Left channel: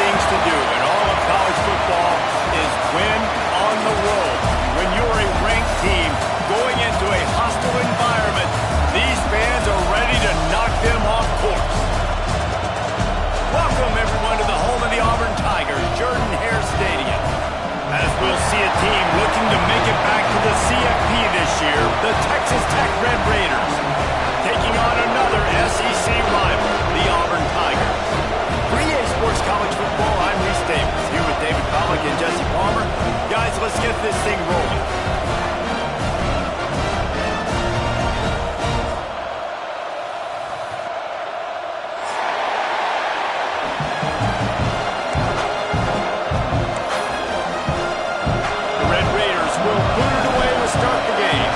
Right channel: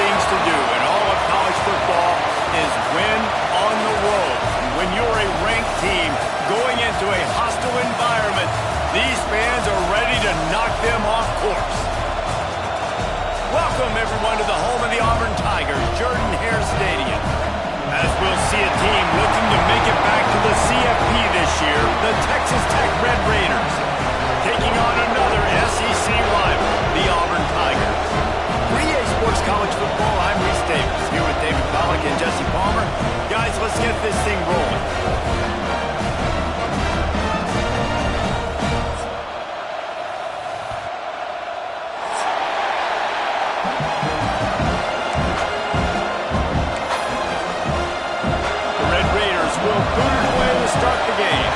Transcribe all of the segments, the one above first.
things to do in all of college football is win on the road. When you're a ranked team going into a hostile environment, these fans are ready to knock them off course. Welcome, everyone, to the home of the Auburn Tigers, Jordan-Hare Stadium. As we'll see a team looking to make it back to the CFP this year, the Texas Tech Red Raiders, taking on another SEC rival, the Auburn Tigers. For EA Sports College Football, I'm Reese Davis, here with David Pollack and Jesse Palmer. Guys, let's get this thing rolling. The Red Raiders will boot it away to start the game.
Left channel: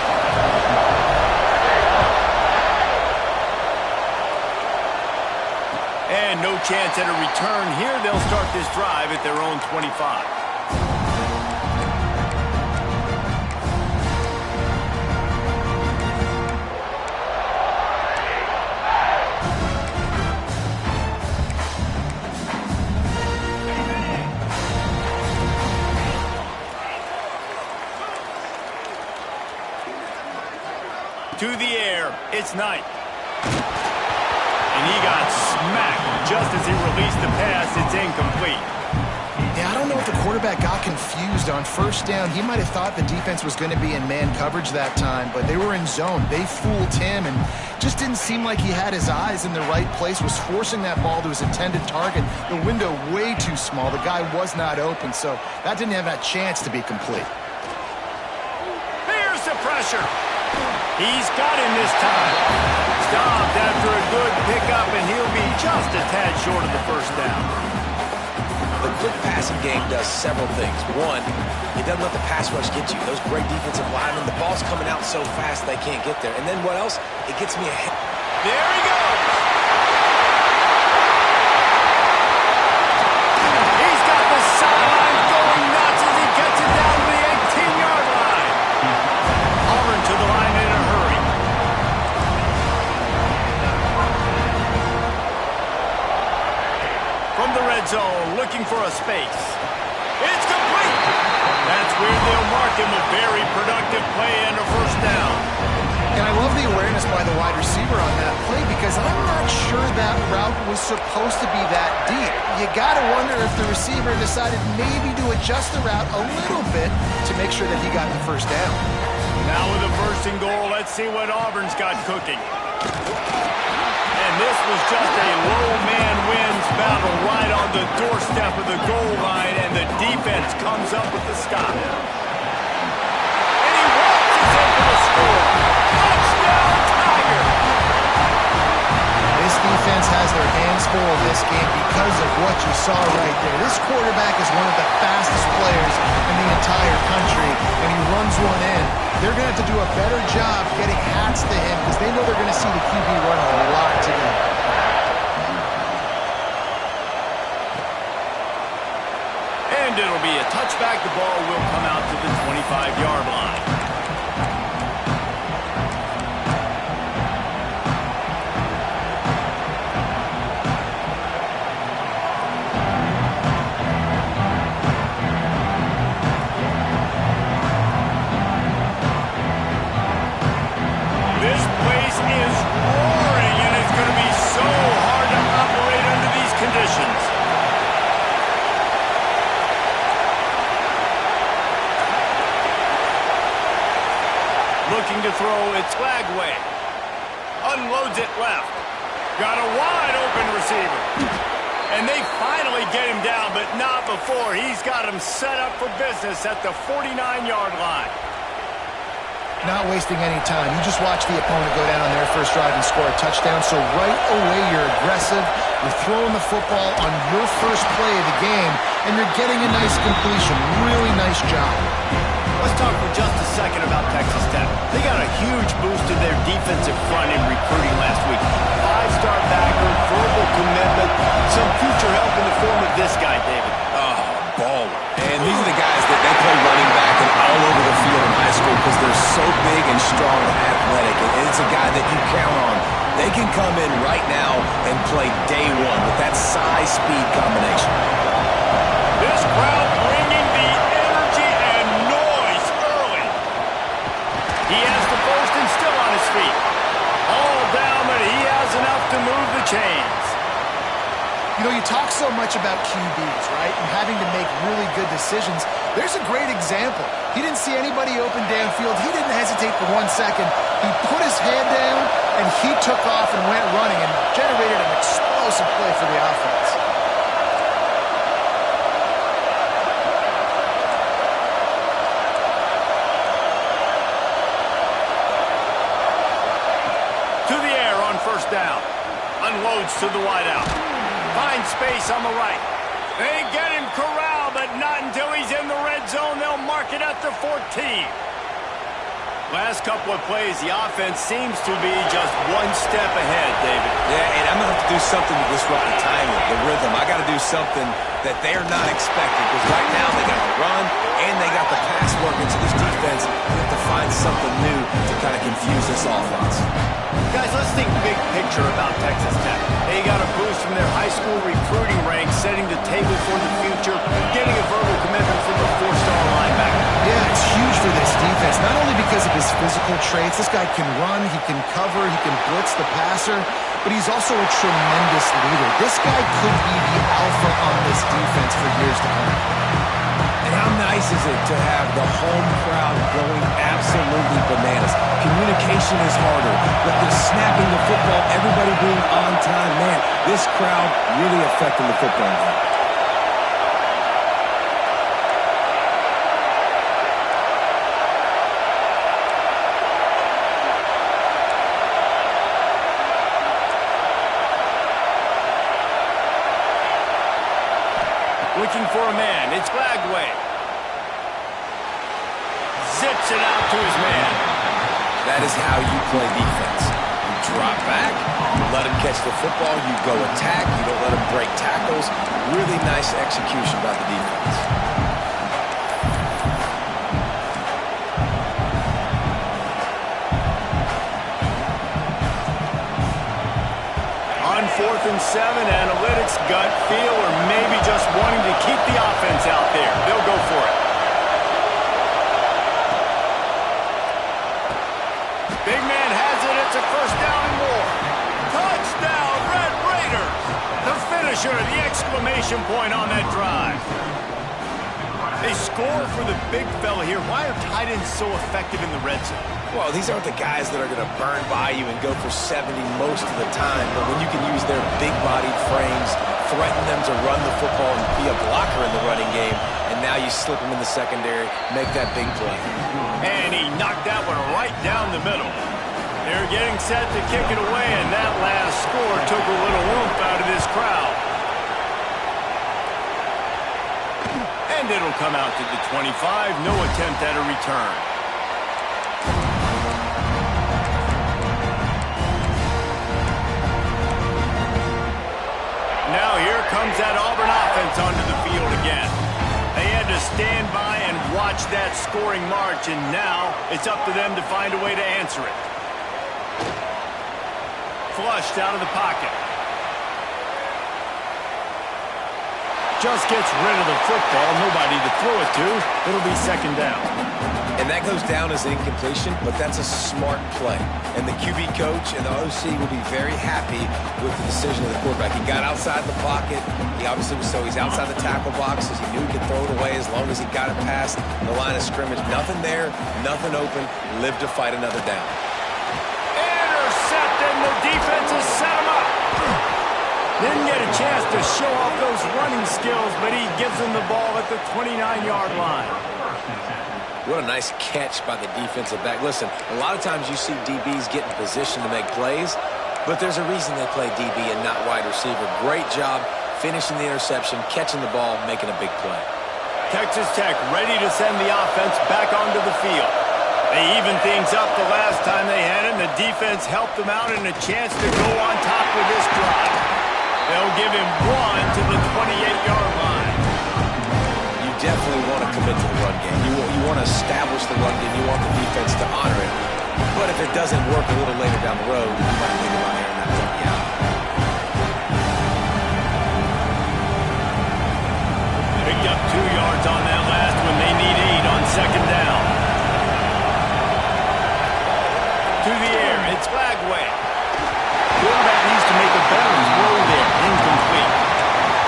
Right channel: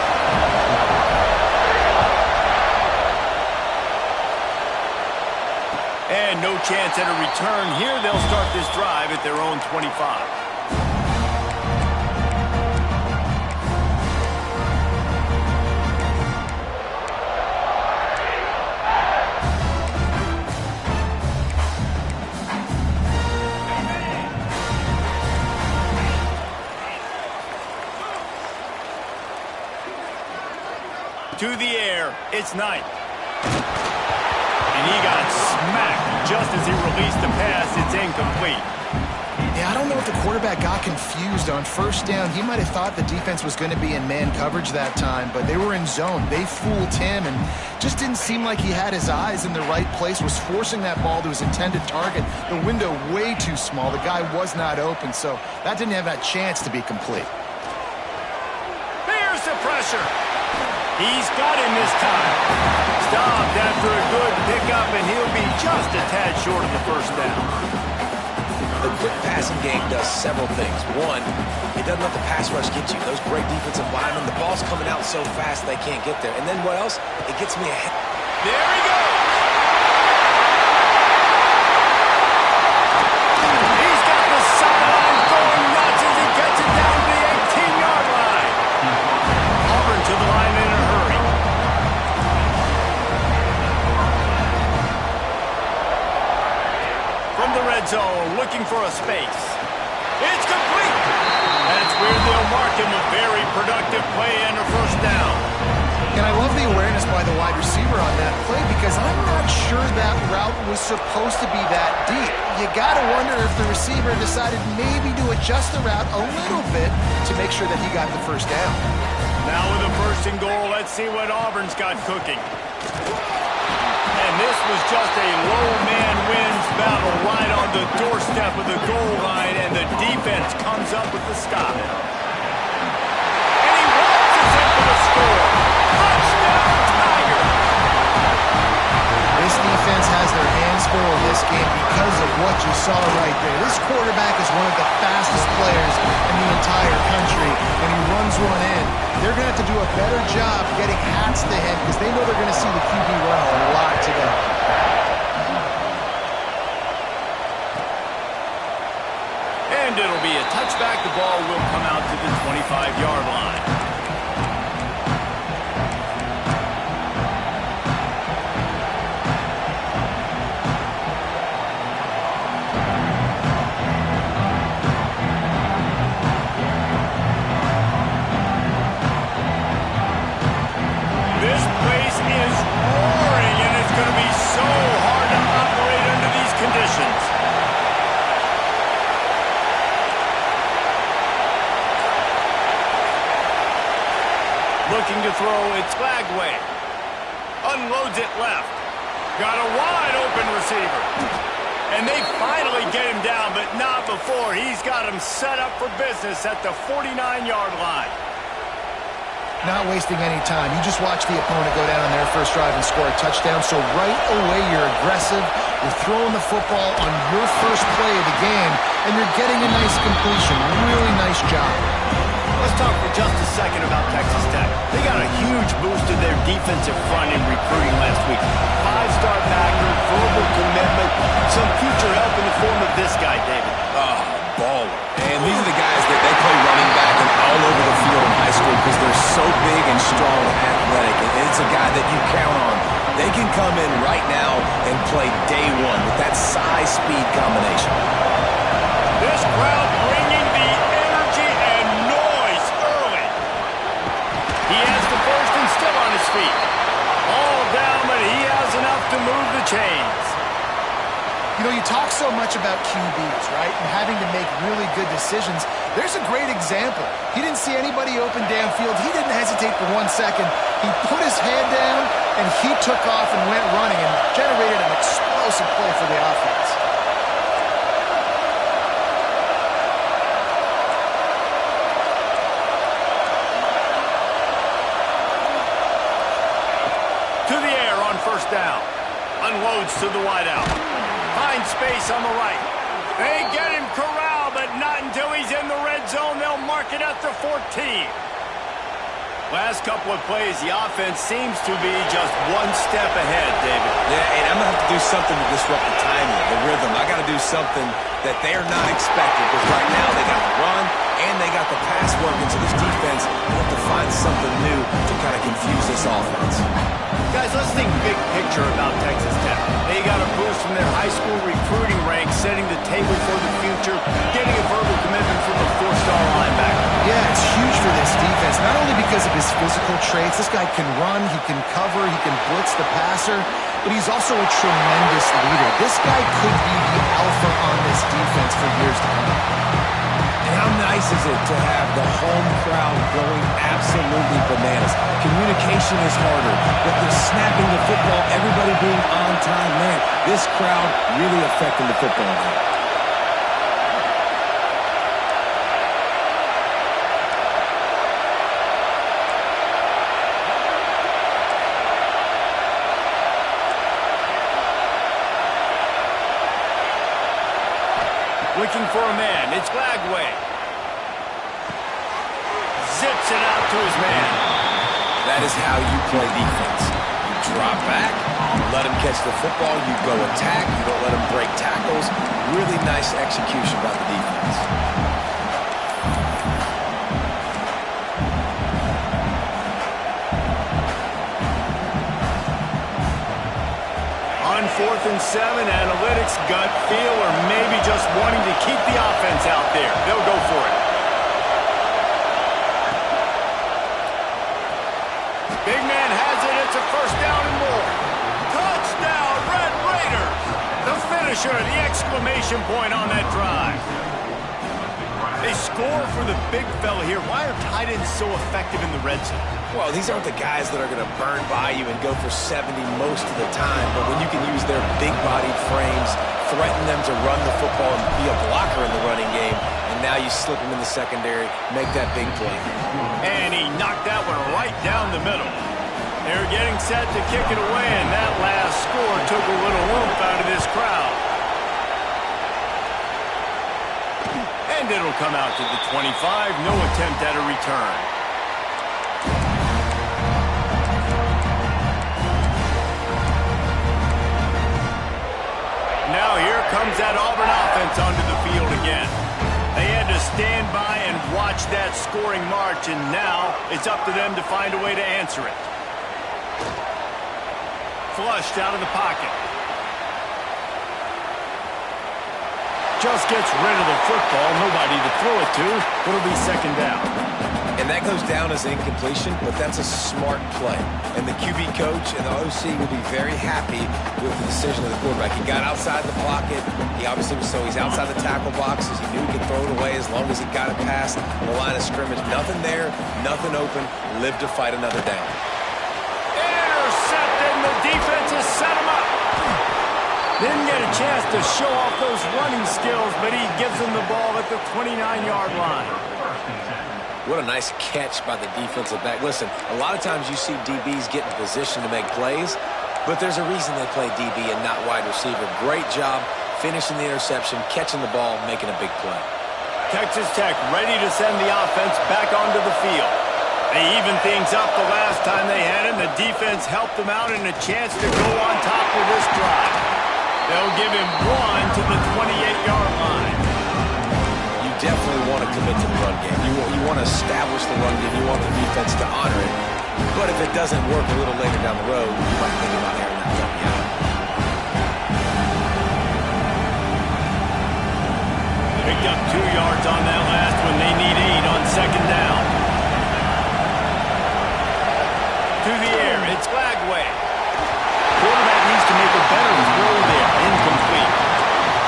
And no chance at a return here. They'll start this drive at their own 25. To the air, it's Knight. And he got smacked just as he released the pass. It's incomplete. Yeah, I don't know if the quarterback got confused on first down. He might have thought the defense was going to be in man coverage that time, but they were in zone. They fooled him and just didn't seem like he had his eyes in the right place, was forcing that ball to his intended target. The window way too small. The guy was not open, so that didn't have that chance to be complete. Here's the pressure. He's got him this time. Stopped after a good pickup, and he'll be just a tad short of the first down. The quick passing game does several things. One, it doesn't let the pass rush get you. Those great defensive linemen, the ball's coming out so fast they can't get there. And then what else? It gets me ahead. There he goes. He's got the sideline going nuts as he gets it down to the 18-yard line. Auburn to the line in a hurry. From the red zone, looking for a space. It's complete. That's where they'll mark him a very productive play and a first down. And I love the awareness by the wide receiver on that play because I'm not sure that route was supposed to be that deep. You got to wonder if the receiver decided maybe to adjust the route a little bit to make sure that he got the first down. Now with a first and goal, let's see what Auburn's got cooking. And this was just a low man wins battle right on the doorstep of the goal line, and the defense comes up with the stop. And he waltzes in for the score. Touchdown, Tiger! This defense has their hands full in this game because of what you saw right there. This quarterback is one of the fastest players in the entire country, and he runs one in. They're going to have to do a better job getting hats to him because they know they're going to see the QB run a lot today. And it'll be a touchback. The ball will come out to the 25-yard line. This place is roaring, and it's going to be so hard to operate under these conditions. Looking to throw, it's Flagway. Unloads it left. Got a wide open receiver. And they finally get him down, but not before. He's got him set up for business at the 49-yard line. Not wasting any time. You just watch the opponent go down on their first drive and score a touchdown. So right away, you're aggressive. You're throwing the football on your first play of the game, and you're getting a nice completion. Really nice job. Let's talk for just a second about Texas Tech. They got a huge boost to their defensive front in recruiting last week. 5-star backer, verbal commitment, some future help in the form of this guy, David. Oh, baller. And these are the guys that they play running back and all over the field in high school because they're so big and strong and athletic. And it's a guy that you count on. They can come in right now and play day one with that size-speed combination. This crowd bringing the energy and noise early. He has the first and still on his feet. All down, but he has enough to move the chains. You know, you talk so much about QBs, right, and having to make really good decisions. There's a great example. He didn't see anybody open downfield. He didn't hesitate for 1 second. He put his head down, and he took off and went running and generated an explosive play for the offense. To the air on first down. Unloads to the wideout. Finds space on the right. They get him corralled, but not until he's in the red zone. They'll mark it at the 14. Last couple of plays, the offense seems to be just one step ahead, David. Yeah, and I'm going to have to do something to disrupt the timing, the rhythm. I got to do something that they're not expecting, because right now they got the run and they got the pass working. So this defense, they have to find something new to kind of confuse this offense. Guys, let's think big picture about Texas Tech. They got a boost from their high school recruiting ranks, setting the table for the future, getting a verbal commitment from a 4-star linebacker. Yeah, it's huge for this defense, not only because of his physical traits. This guy can run, he can cover, he can blitz the passer, but he's also a tremendous leader. This guy could be the alpha on this defense for years to come. And how nice is it to have the home crowd going absolutely bananas? Communication is harder, but the snapping the football, everybody being on time, man, this crowd really affecting the football game. Looking for a man. It's Glagway. Zips it out to his man. That is how you play defense. You drop back, you let him catch the football, you go attack, you don't let him break tackles. Really nice execution by the defense. On 4th and 7, analytics, gut feel, or maybe just wanting to keep the offense out there. They'll go for it. Big man has it. It's a first down and more. Touchdown, Red Raiders. The finisher, the exclamation point on that drive. They score for the big fella here. Why are tight ends so effective in the red zone? Well, these aren't the guys that are going to burn by you and go for 70 most of the time, but when you can use their big-bodied frames, threaten them to run the football and be a blocker in the running game, and now you slip them in the secondary, make that big play. And he knocked that one right down the middle. They're getting set to kick it away, and that last score took a little oomph out of this crowd. And it'll come out to the 25. No attempt at a return. Now here comes that Auburn offense onto the field again. They had to stand by and watch that scoring march, and now it's up to them to find a way to answer it. Flushed out of the pocket. Just gets rid of the football. Nobody to throw it to. It'll be second down. And that goes down as an incompletion, but that's a smart play. And the QB coach and the OC will be very happy with the decision of the quarterback. He got outside the pocket. He obviously was he's outside the tackle boxes. He knew he could throw it away as long as he got it past the line of scrimmage. Nothing there, nothing open. Live to fight another down. Intercepted, and the defense has set him up. Didn't get a chance to show off those running skills, but he gives them the ball at the 29-yard line. What a nice catch by the defensive back. Listen, a lot of times you see DBs get in position to make plays, but there's a reason they play DB and not wide receiver. Great job finishing the interception, catching the ball, making a big play. Texas Tech ready to send the offense back onto the field. They evened things up the last time they had it, and the defense helped them out and a chance to go on top with this drive. They'll give him one to the 28-yard line. You definitely want to commit to the run game. You want to establish the run game. You want the defense to honor it. But if it doesn't work a little later down the road, you might think about airing that puppy out. Picked up 2 yards on that last one. They need 8 on second down. To the air, it's Flagway. Quarterback needs to make a better throw there. Incomplete.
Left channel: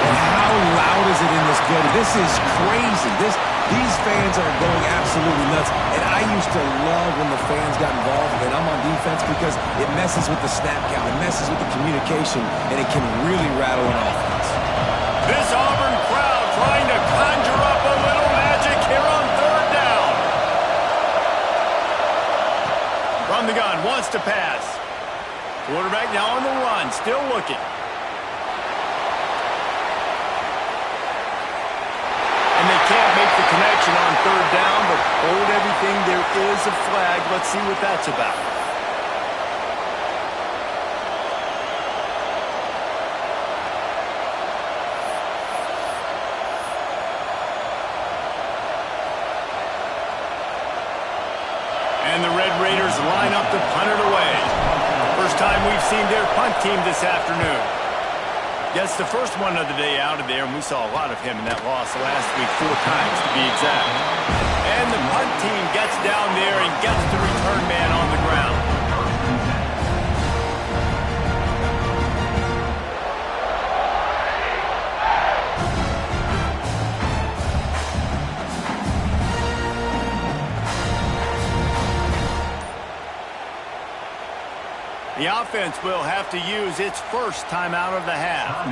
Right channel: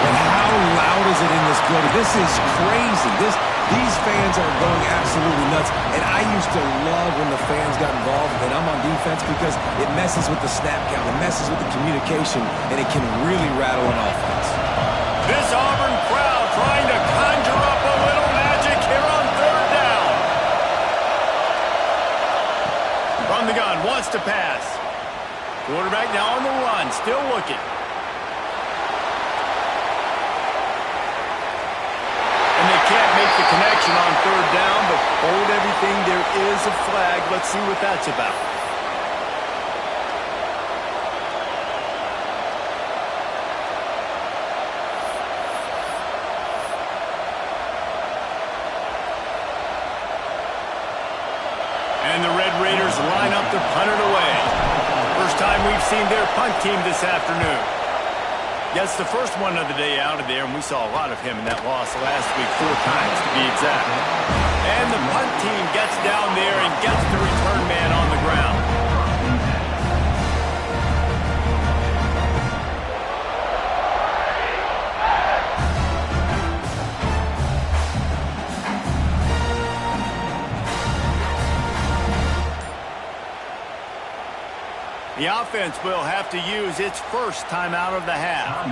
And how loud is it in this building? This is crazy. These fans are going absolutely nuts. And I used to love when the fans got involved, and I'm on defense, because it messes with the snap count. It messes with the communication, and it can really rattle an offense. This Auburn crowd trying to conjure up a little magic here on third down. From the gun, wants to pass. Quarterback now on the run, still looking. And they can't make the connection on third down, but hold everything, there is a flag. Let's see what that's about. And the Red Raiders line up to punt it away. First time we've seen their punt team this afternoon. Gets the first one of the day out of there, and we saw a lot of him in that loss last week, 4 times to be exact. And the punt team gets down there and gets the return man on the ground. The offense will have to use its first timeout of the half.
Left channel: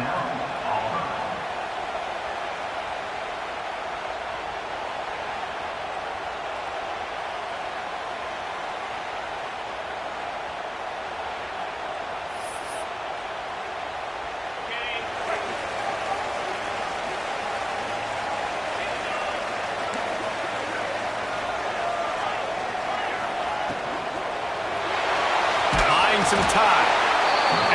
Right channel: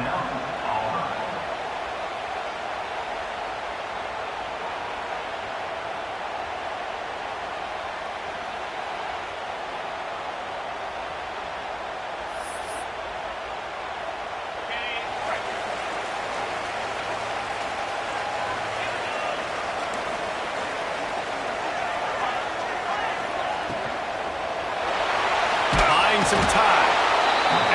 Some time.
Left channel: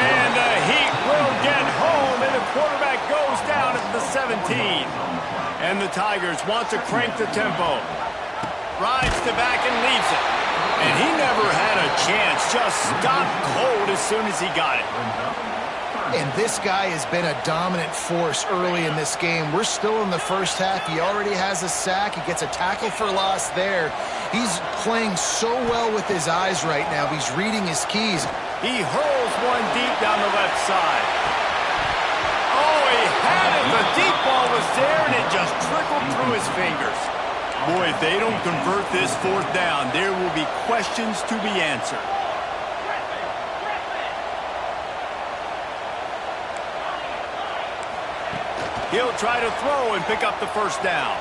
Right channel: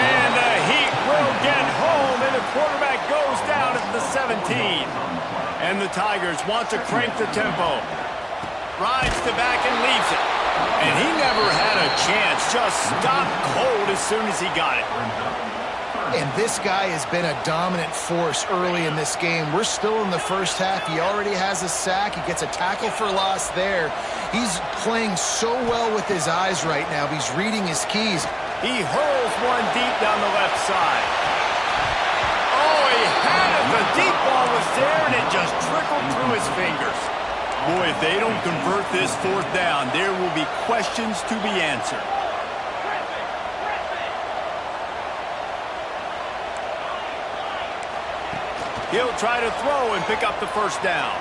And the Heat will get home, and the quarterback goes down at the 17. And the Tigers want to crank the tempo. Rides the back and leaves it. And he never had a chance. Just stopped cold as soon as he got it. And this guy has been a dominant force early in this game. We're still in the first half. He already has a sack. He gets a tackle for loss there. He's playing so well with his eyes right now. He's reading his keys. He hurls one deep down the left side. Oh, he had it. The deep ball was there, and it just trickled through his fingers. Boy, if they don't convert this 4th down, there will be questions to be answered. He'll try to throw and pick up the first down.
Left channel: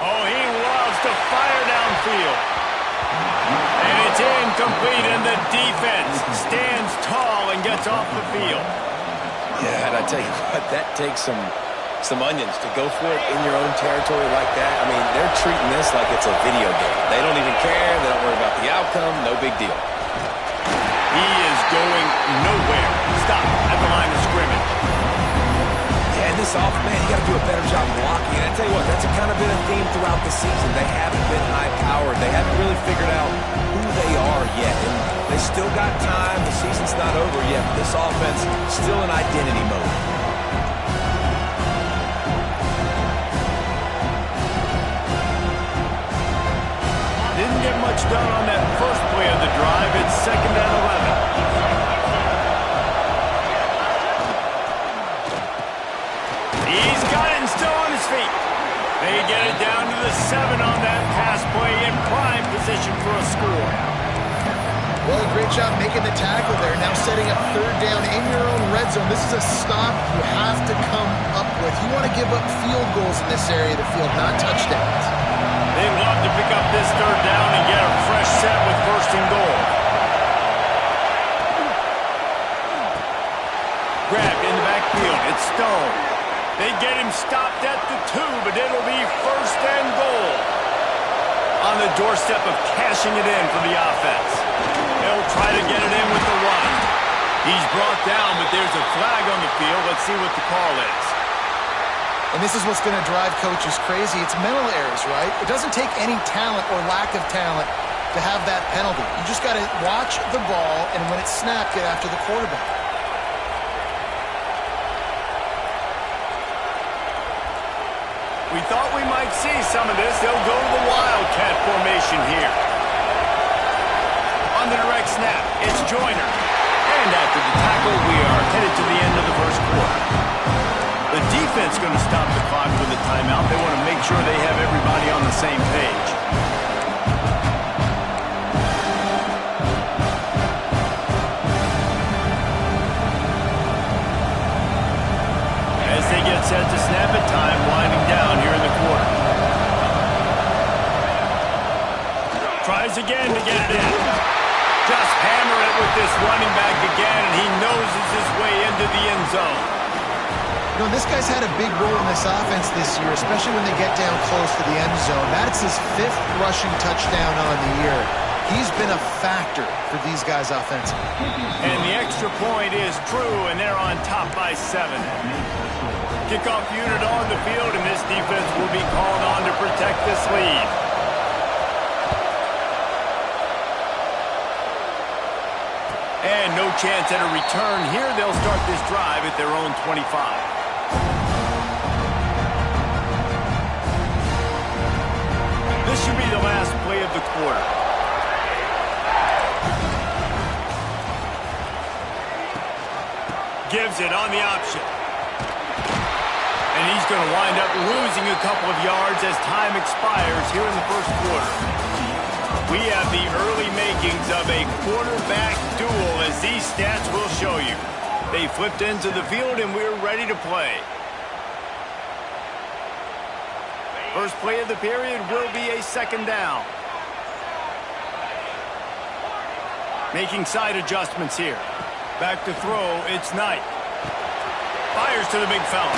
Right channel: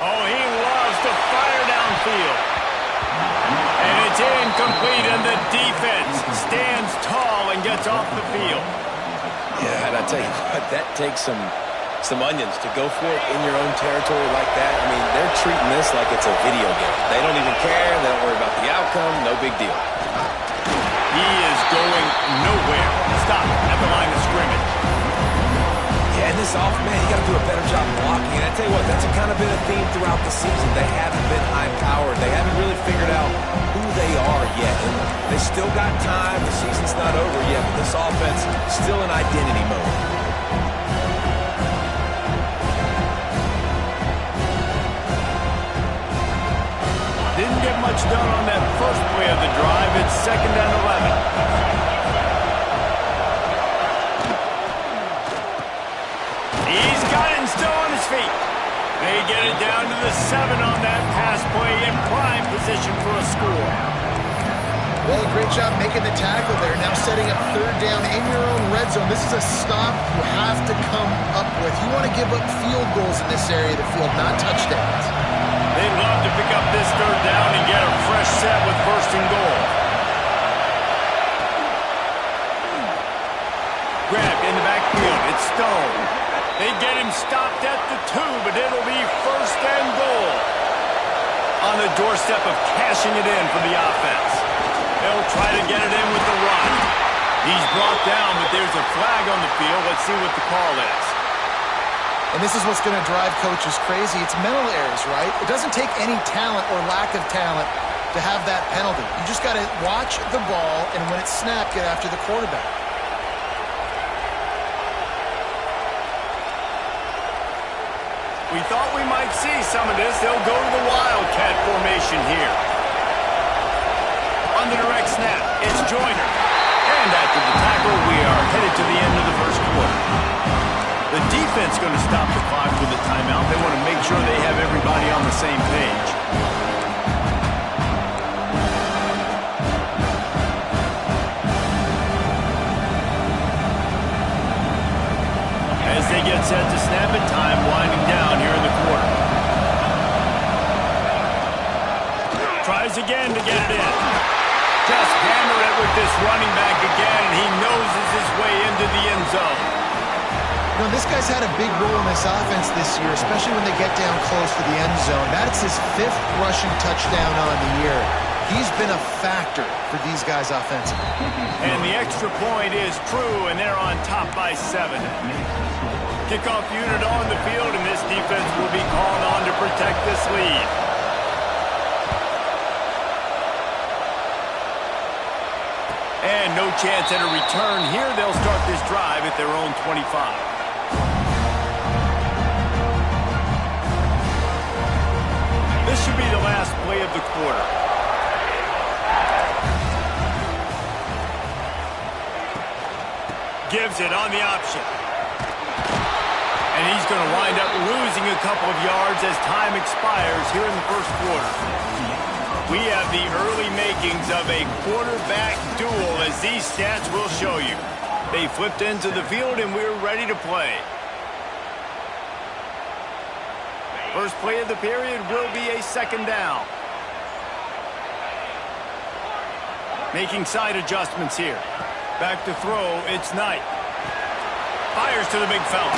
Oh, he loves to fire downfield. And it's incomplete, and the defense stands tall and gets off the field. Yeah, and I tell you what, that takes some onions to go for it in your own territory like that. I mean, they're treating this like it's a video game. They don't even care. They don't worry about the outcome. No big deal. He is going nowhere. Stop at the line of scrimmage. Yeah, and this man, you got to do a better job blocking. And I tell you what, that's kind of been a theme throughout the season. They haven't been high-powered. They haven't really figured out who they are yet. And they still got time. The season's not over yet, but this offense still in identity mode. Didn't get much done on that first play of the drive. It's 2nd and 11. He's got it and still on his feet. They get it down to the 7 on that pass play, in prime position for a score. Well, great job making the tackle there. Now setting up 3rd down in your own red zone. This is a stop you have to come up with. You want to give up field goals in this area of the field, not touchdowns. They'd love to pick up this 3rd down and get a fresh set with 1st and goal. Grabbed in the backfield. It's Stone. They get him stopped at the 2, but it'll be 1st and goal. On the doorstep of cashing it in for the offense. They'll try to get it in with the run. He's brought down, but there's a flag on the field. Let's see what the call is. And this is what's going to drive coaches crazy. It's mental errors, right? It doesn't take any talent or lack of talent to have that penalty. You just got to watch the ball, and when it's snapped, get after the quarterback. We thought we might see some of this. They'll go to the Wildcat formation here. On the direct snap, it's Joyner. And after the tackle, we are headed to the end of the first quarter. The defense going to stop the clock with a timeout. They want to make sure they have everybody on the same page. As they get set to snap it, time winding down here in the quarter. Tries again to get it in. Just hammer it with this running back again, and he noses his way into the end zone. You know, this guy's had a big role in this offense this year, especially when they get down close to the end zone. That's his 5th rushing touchdown on the year. He's been a factor for these guys offensively. And the extra point is true, and they're on top by 7. Kickoff unit on the field, and this defense will be called on to protect this lead. And no chance at a return here. They'll start this drive at their own 25. This should be the last play of the quarter. Gives it on the option. And he's going to wind up losing a couple of yards as time expires here in the first quarter. We have the early makings of a quarterback duel, as these stats will show you. They flipped into the field, and we're ready to play. First play of the period will be a second down. Making side adjustments here. Back to throw, it's Knight. Fires to the big fella.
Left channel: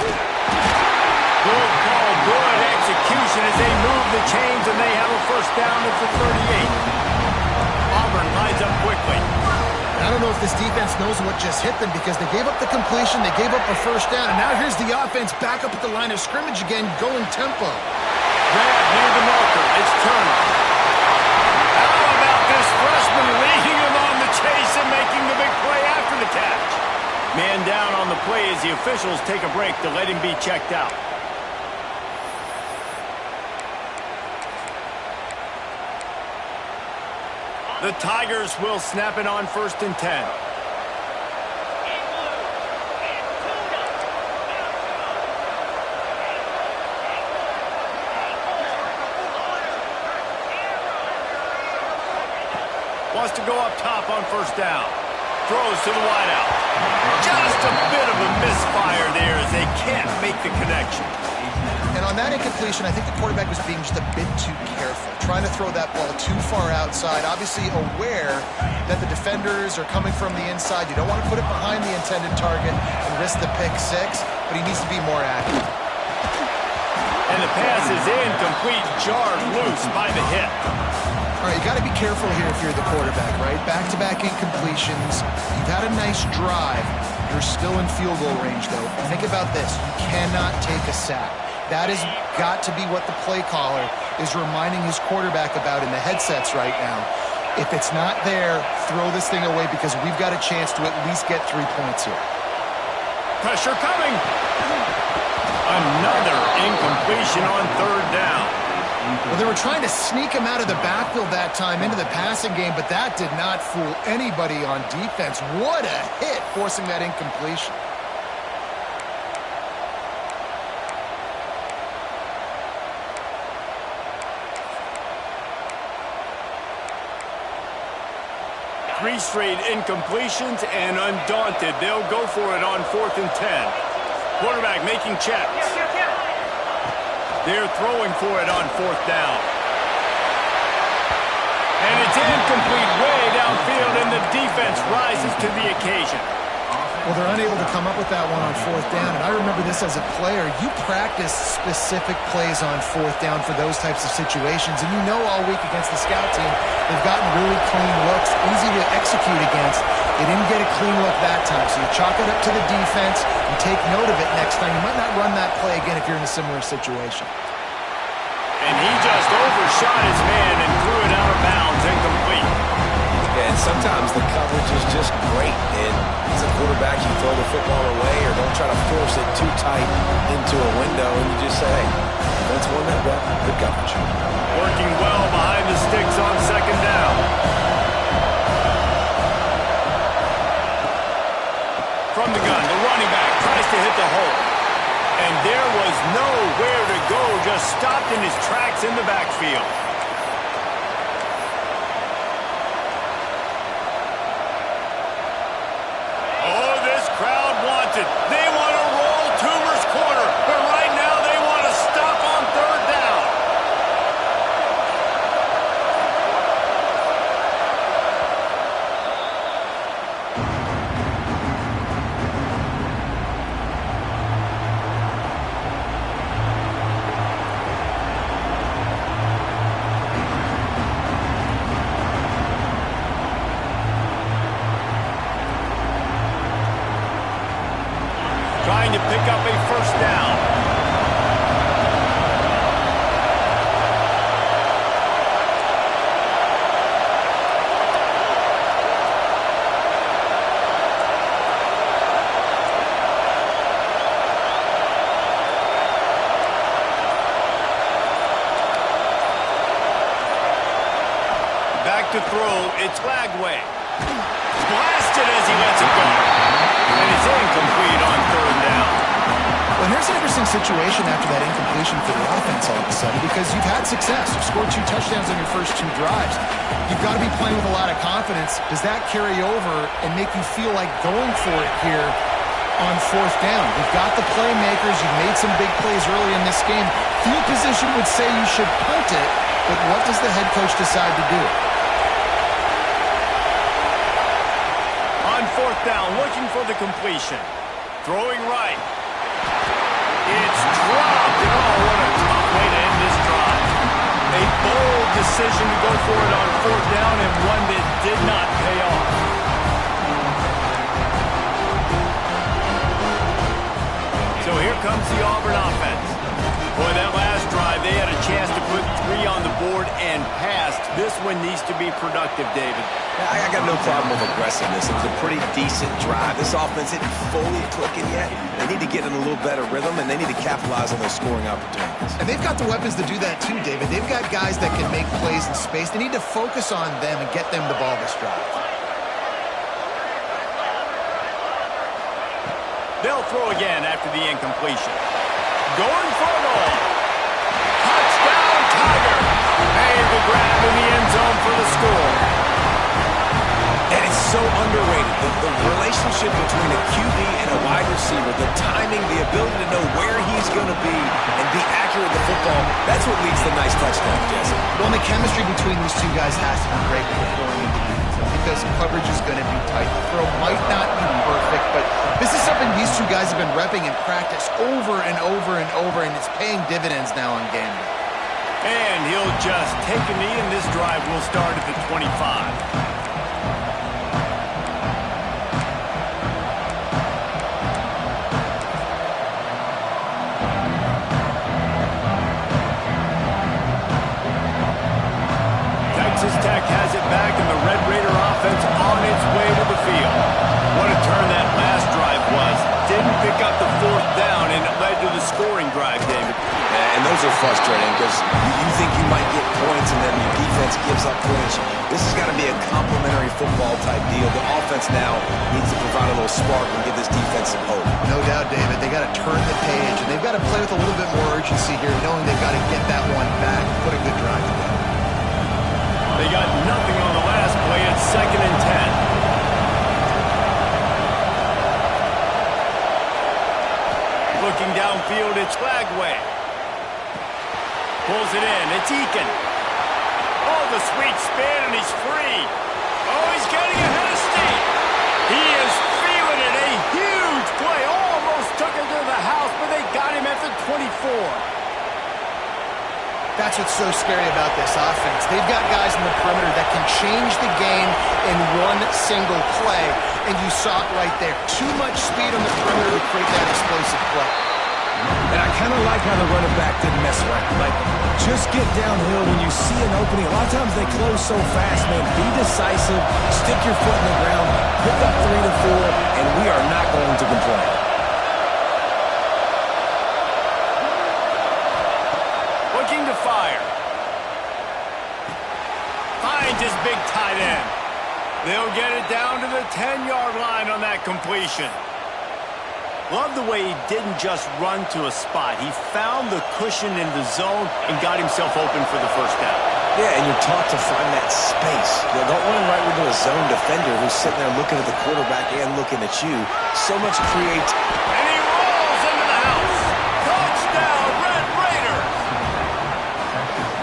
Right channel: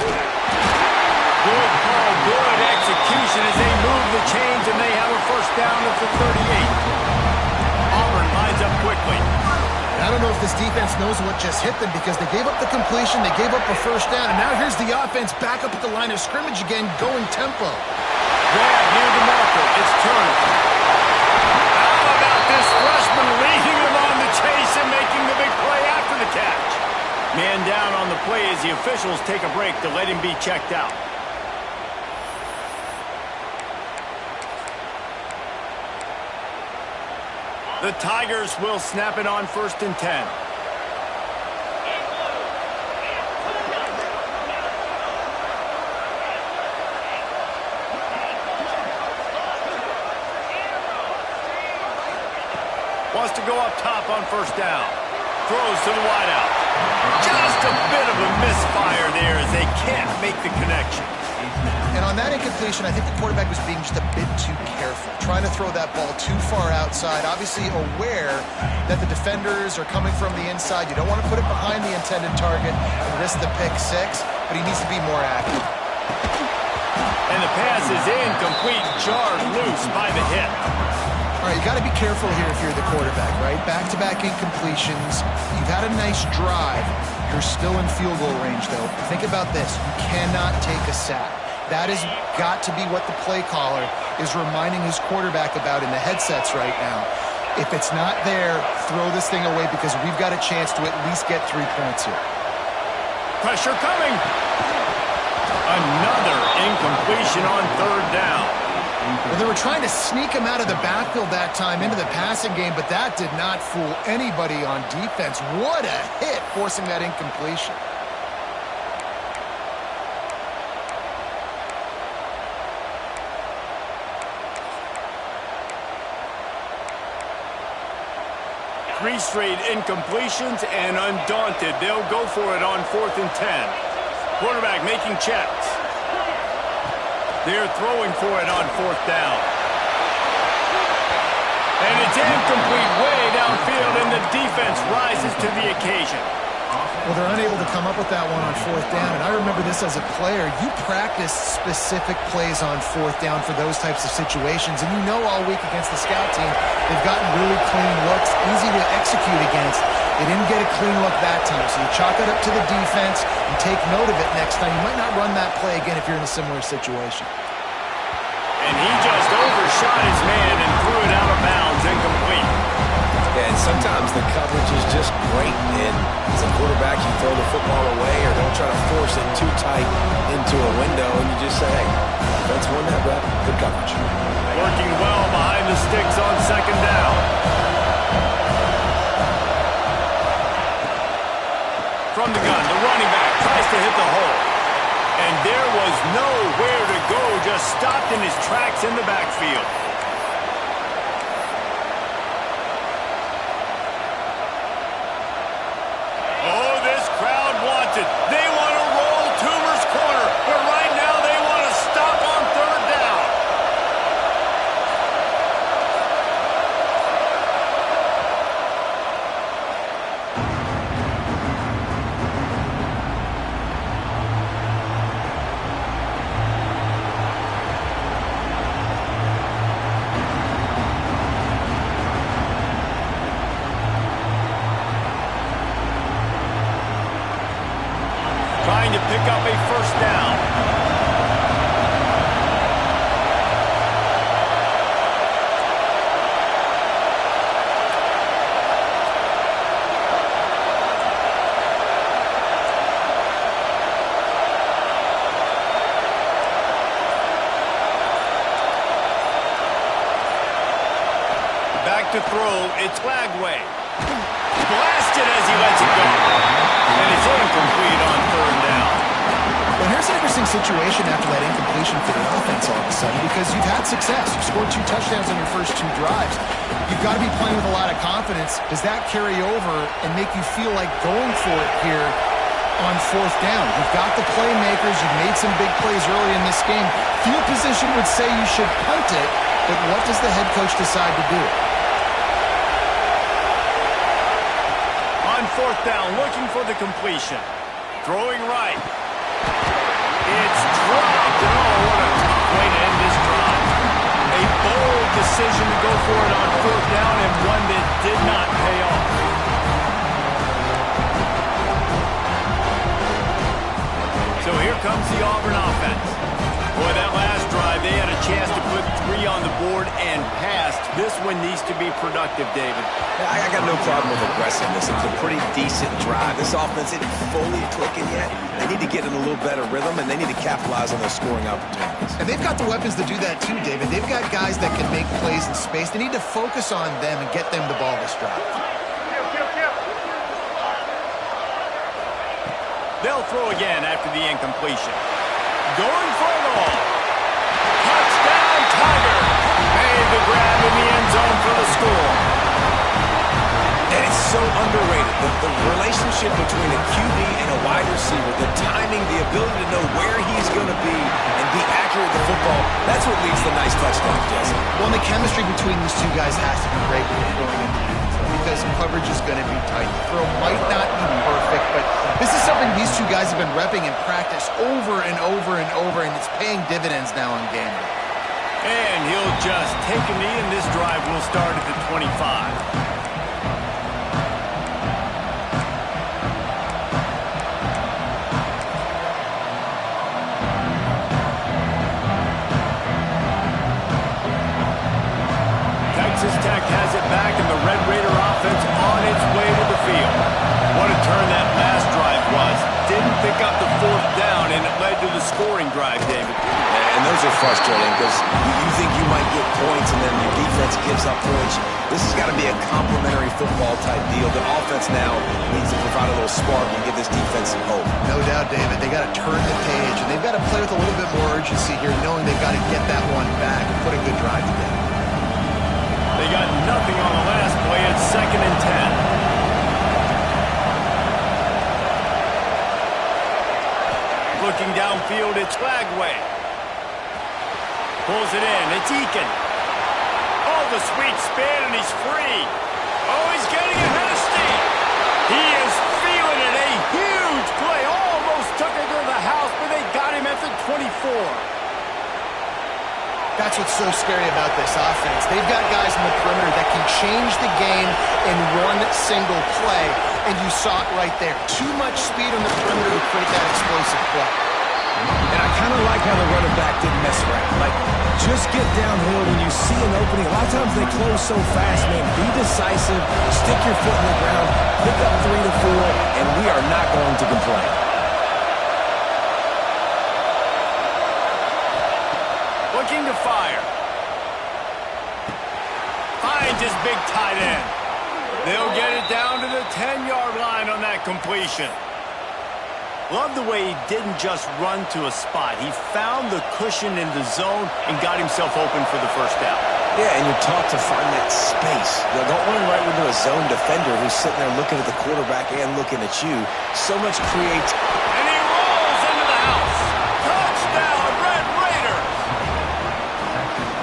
Good call, good execution as they move the chains, and they have a first down at the 38. Auburn lines up quickly. I don't know if this defense knows what just hit them, because they gave up the completion, they gave up a first down, and now here's the offense back up at the line of scrimmage again, going tempo. Grab near the marker. It's Turner. How about this freshman leading him on the chase and making the big play after the catch? Man down on the play as the officials take a break to let him be checked out. The Tigers will snap it on 1st and 10. Wants to go up top on first down. Throws to the wideout. Just a bit of a misfire there as they can't make the connection. And on that incompletion, I think the quarterback was being just a bit too careful, trying to throw that ball too far outside, obviously aware that the defenders are coming from the inside. You don't want to put it behind the intended target and risk the pick 6, but he needs to be more accurate. And the pass is incomplete, jarred loose by the hit. All right, you got to be careful here if you're the quarterback, right? Back-to-back incompletions. You've had a nice drive. You're still in field goal range, though. Think about this. You cannot take a sack. That has got to be what the play caller is reminding his quarterback about in the headsets right now. If it's not there, throw this thing away, because we've got a chance to at least get 3 points here. Pressure coming. Another incompletion on 3rd down. Well, they were trying to sneak him out of the backfield that time into the passing game, but that did not fool anybody on defense. What a hit, forcing that incompletion. Three straight incompletions, and undaunted, they'll go for it on 4th and 10. Quarterback making checks. They're throwing for it on 4th down. And it's incomplete way downfield, and the defense rises to the occasion. Well, they're unable to come up with that one on 4th down, and I remember this as a player. You practice specific plays on 4th down for those types of situations, and you know all week against the scout team, they've gotten really clean looks, easy to execute against. They didn't get a clean look that time, so you chalk it up to the defense and take note of it next time. You might not run that play again if you're in a similar situation. And he just overshot his man and threw it out of bounds, incomplete. And sometimes the coverage is just great. And as a quarterback, you throw the football away or don't try to force it too tight into a window, and you just say, hey, defense won that rep. Good coverage. Working well behind the sticks on second down. From the gun, the running back tries to hit the hole. And there was nowhere to go, just stopped in his tracks in the backfield. Oh, this crowd wants it. They want to roll Toomer's corner, but right now they want to stop on third down. Trying to pick up a first down. Back to throw, it's Flagway. Blasted as he lets it go. And it's incomplete on third down. Well, here's an interesting situation after that incompletion for the offense all of a sudden, because you've had success. You've scored 2 touchdowns on your first 2 drives. You've got to be playing with a lot of confidence. Does that carry over and make you feel like going for it here on fourth down? You've got the playmakers. You've made some big plays early in this game. Field position would say you should punt it, but what does the head coach decide to do? On fourth down, looking for the completion. Throwing right. It's dropped. And oh, what a tough way to end this drive. A bold decision to go for it on fourth down, and one that did not pay off. So here comes the Auburn offense. Boy, that last drive, they had a chance to put 3 on the board and passed. This one needs to be productive, David. Yeah, I got no problem with aggressiveness. It was a pretty decent drive. This offense isn't fully clicking yet. They need to get in a little better rhythm, and they need to capitalize on those scoring opportunities. And they've got the weapons to do that too, David. They've got guys that can make plays in space. They need to focus on them and get them the ball this drive. They'll throw again after the incompletion. Going for it all. Touchdown, Tiger. Made the grab in the end zone for the score. And it's so underrated. The relationship between a QB and a wide receiver, the timing, the ability to know where he's going to be and be accurate with the football, that's what leads to nice touchdowns, Jesse. Well, and the chemistry between these two guys has to be great when they're throwing into the end zone, because coverage is going to be tight. The throw might not be perfect, but this is something these two guys have been repping in practice over and over and over, and it's paying dividends now on game day. And he'll just take a knee, and this drive will start at the 25. Texas Tech has it back, and the Red Raider offense on its way to the field. What a turn that last drive was. Didn't pick up the fourth down, and it led to the scoring drive, David. Yeah, and those are frustrating because you think you might get points, and then your defense gives up points. This has got to be a complementary football-type deal. The offense now needs to provide a little spark and give this defense some hope. No doubt, David. They got to turn the page, and they've got to play with a little bit more urgency here, knowing they've got to get that one back and put a good drive together. They got nothing on the last play. It's 2nd and 10. Looking downfield, it's Flagway. Pulls it in. It's Eakin. Oh, the sweet spin, and he's free. Oh, he's getting ahead of steam. He is feeling it. A huge play. Almost took it to the house, but they got him at the 24. That's what's so scary about this offense. They've got guys in the perimeter that can change the game in one single play, and you saw it right there. Too much speed on the perimeter to create that explosive play. And I kind of like how the running back didn't mess around. Like, just get downhill when you see an opening. A lot of times they close so fast, man. Be decisive, stick your foot in the ground, pick up 3 to 4, and we are not going to complain. fire. Finds his big tight end. They'll get it down to the 10-yard line on that completion. Love the way he didn't just run to a spot. He found the cushion in the zone and got himself open for the first down. Yeah, and you're taught to find that space. Now, don't run right into a zone defender who's sitting there looking at the quarterback and looking at you. So much creativity. And he rolls into the house. Touchdown, Red Raiders!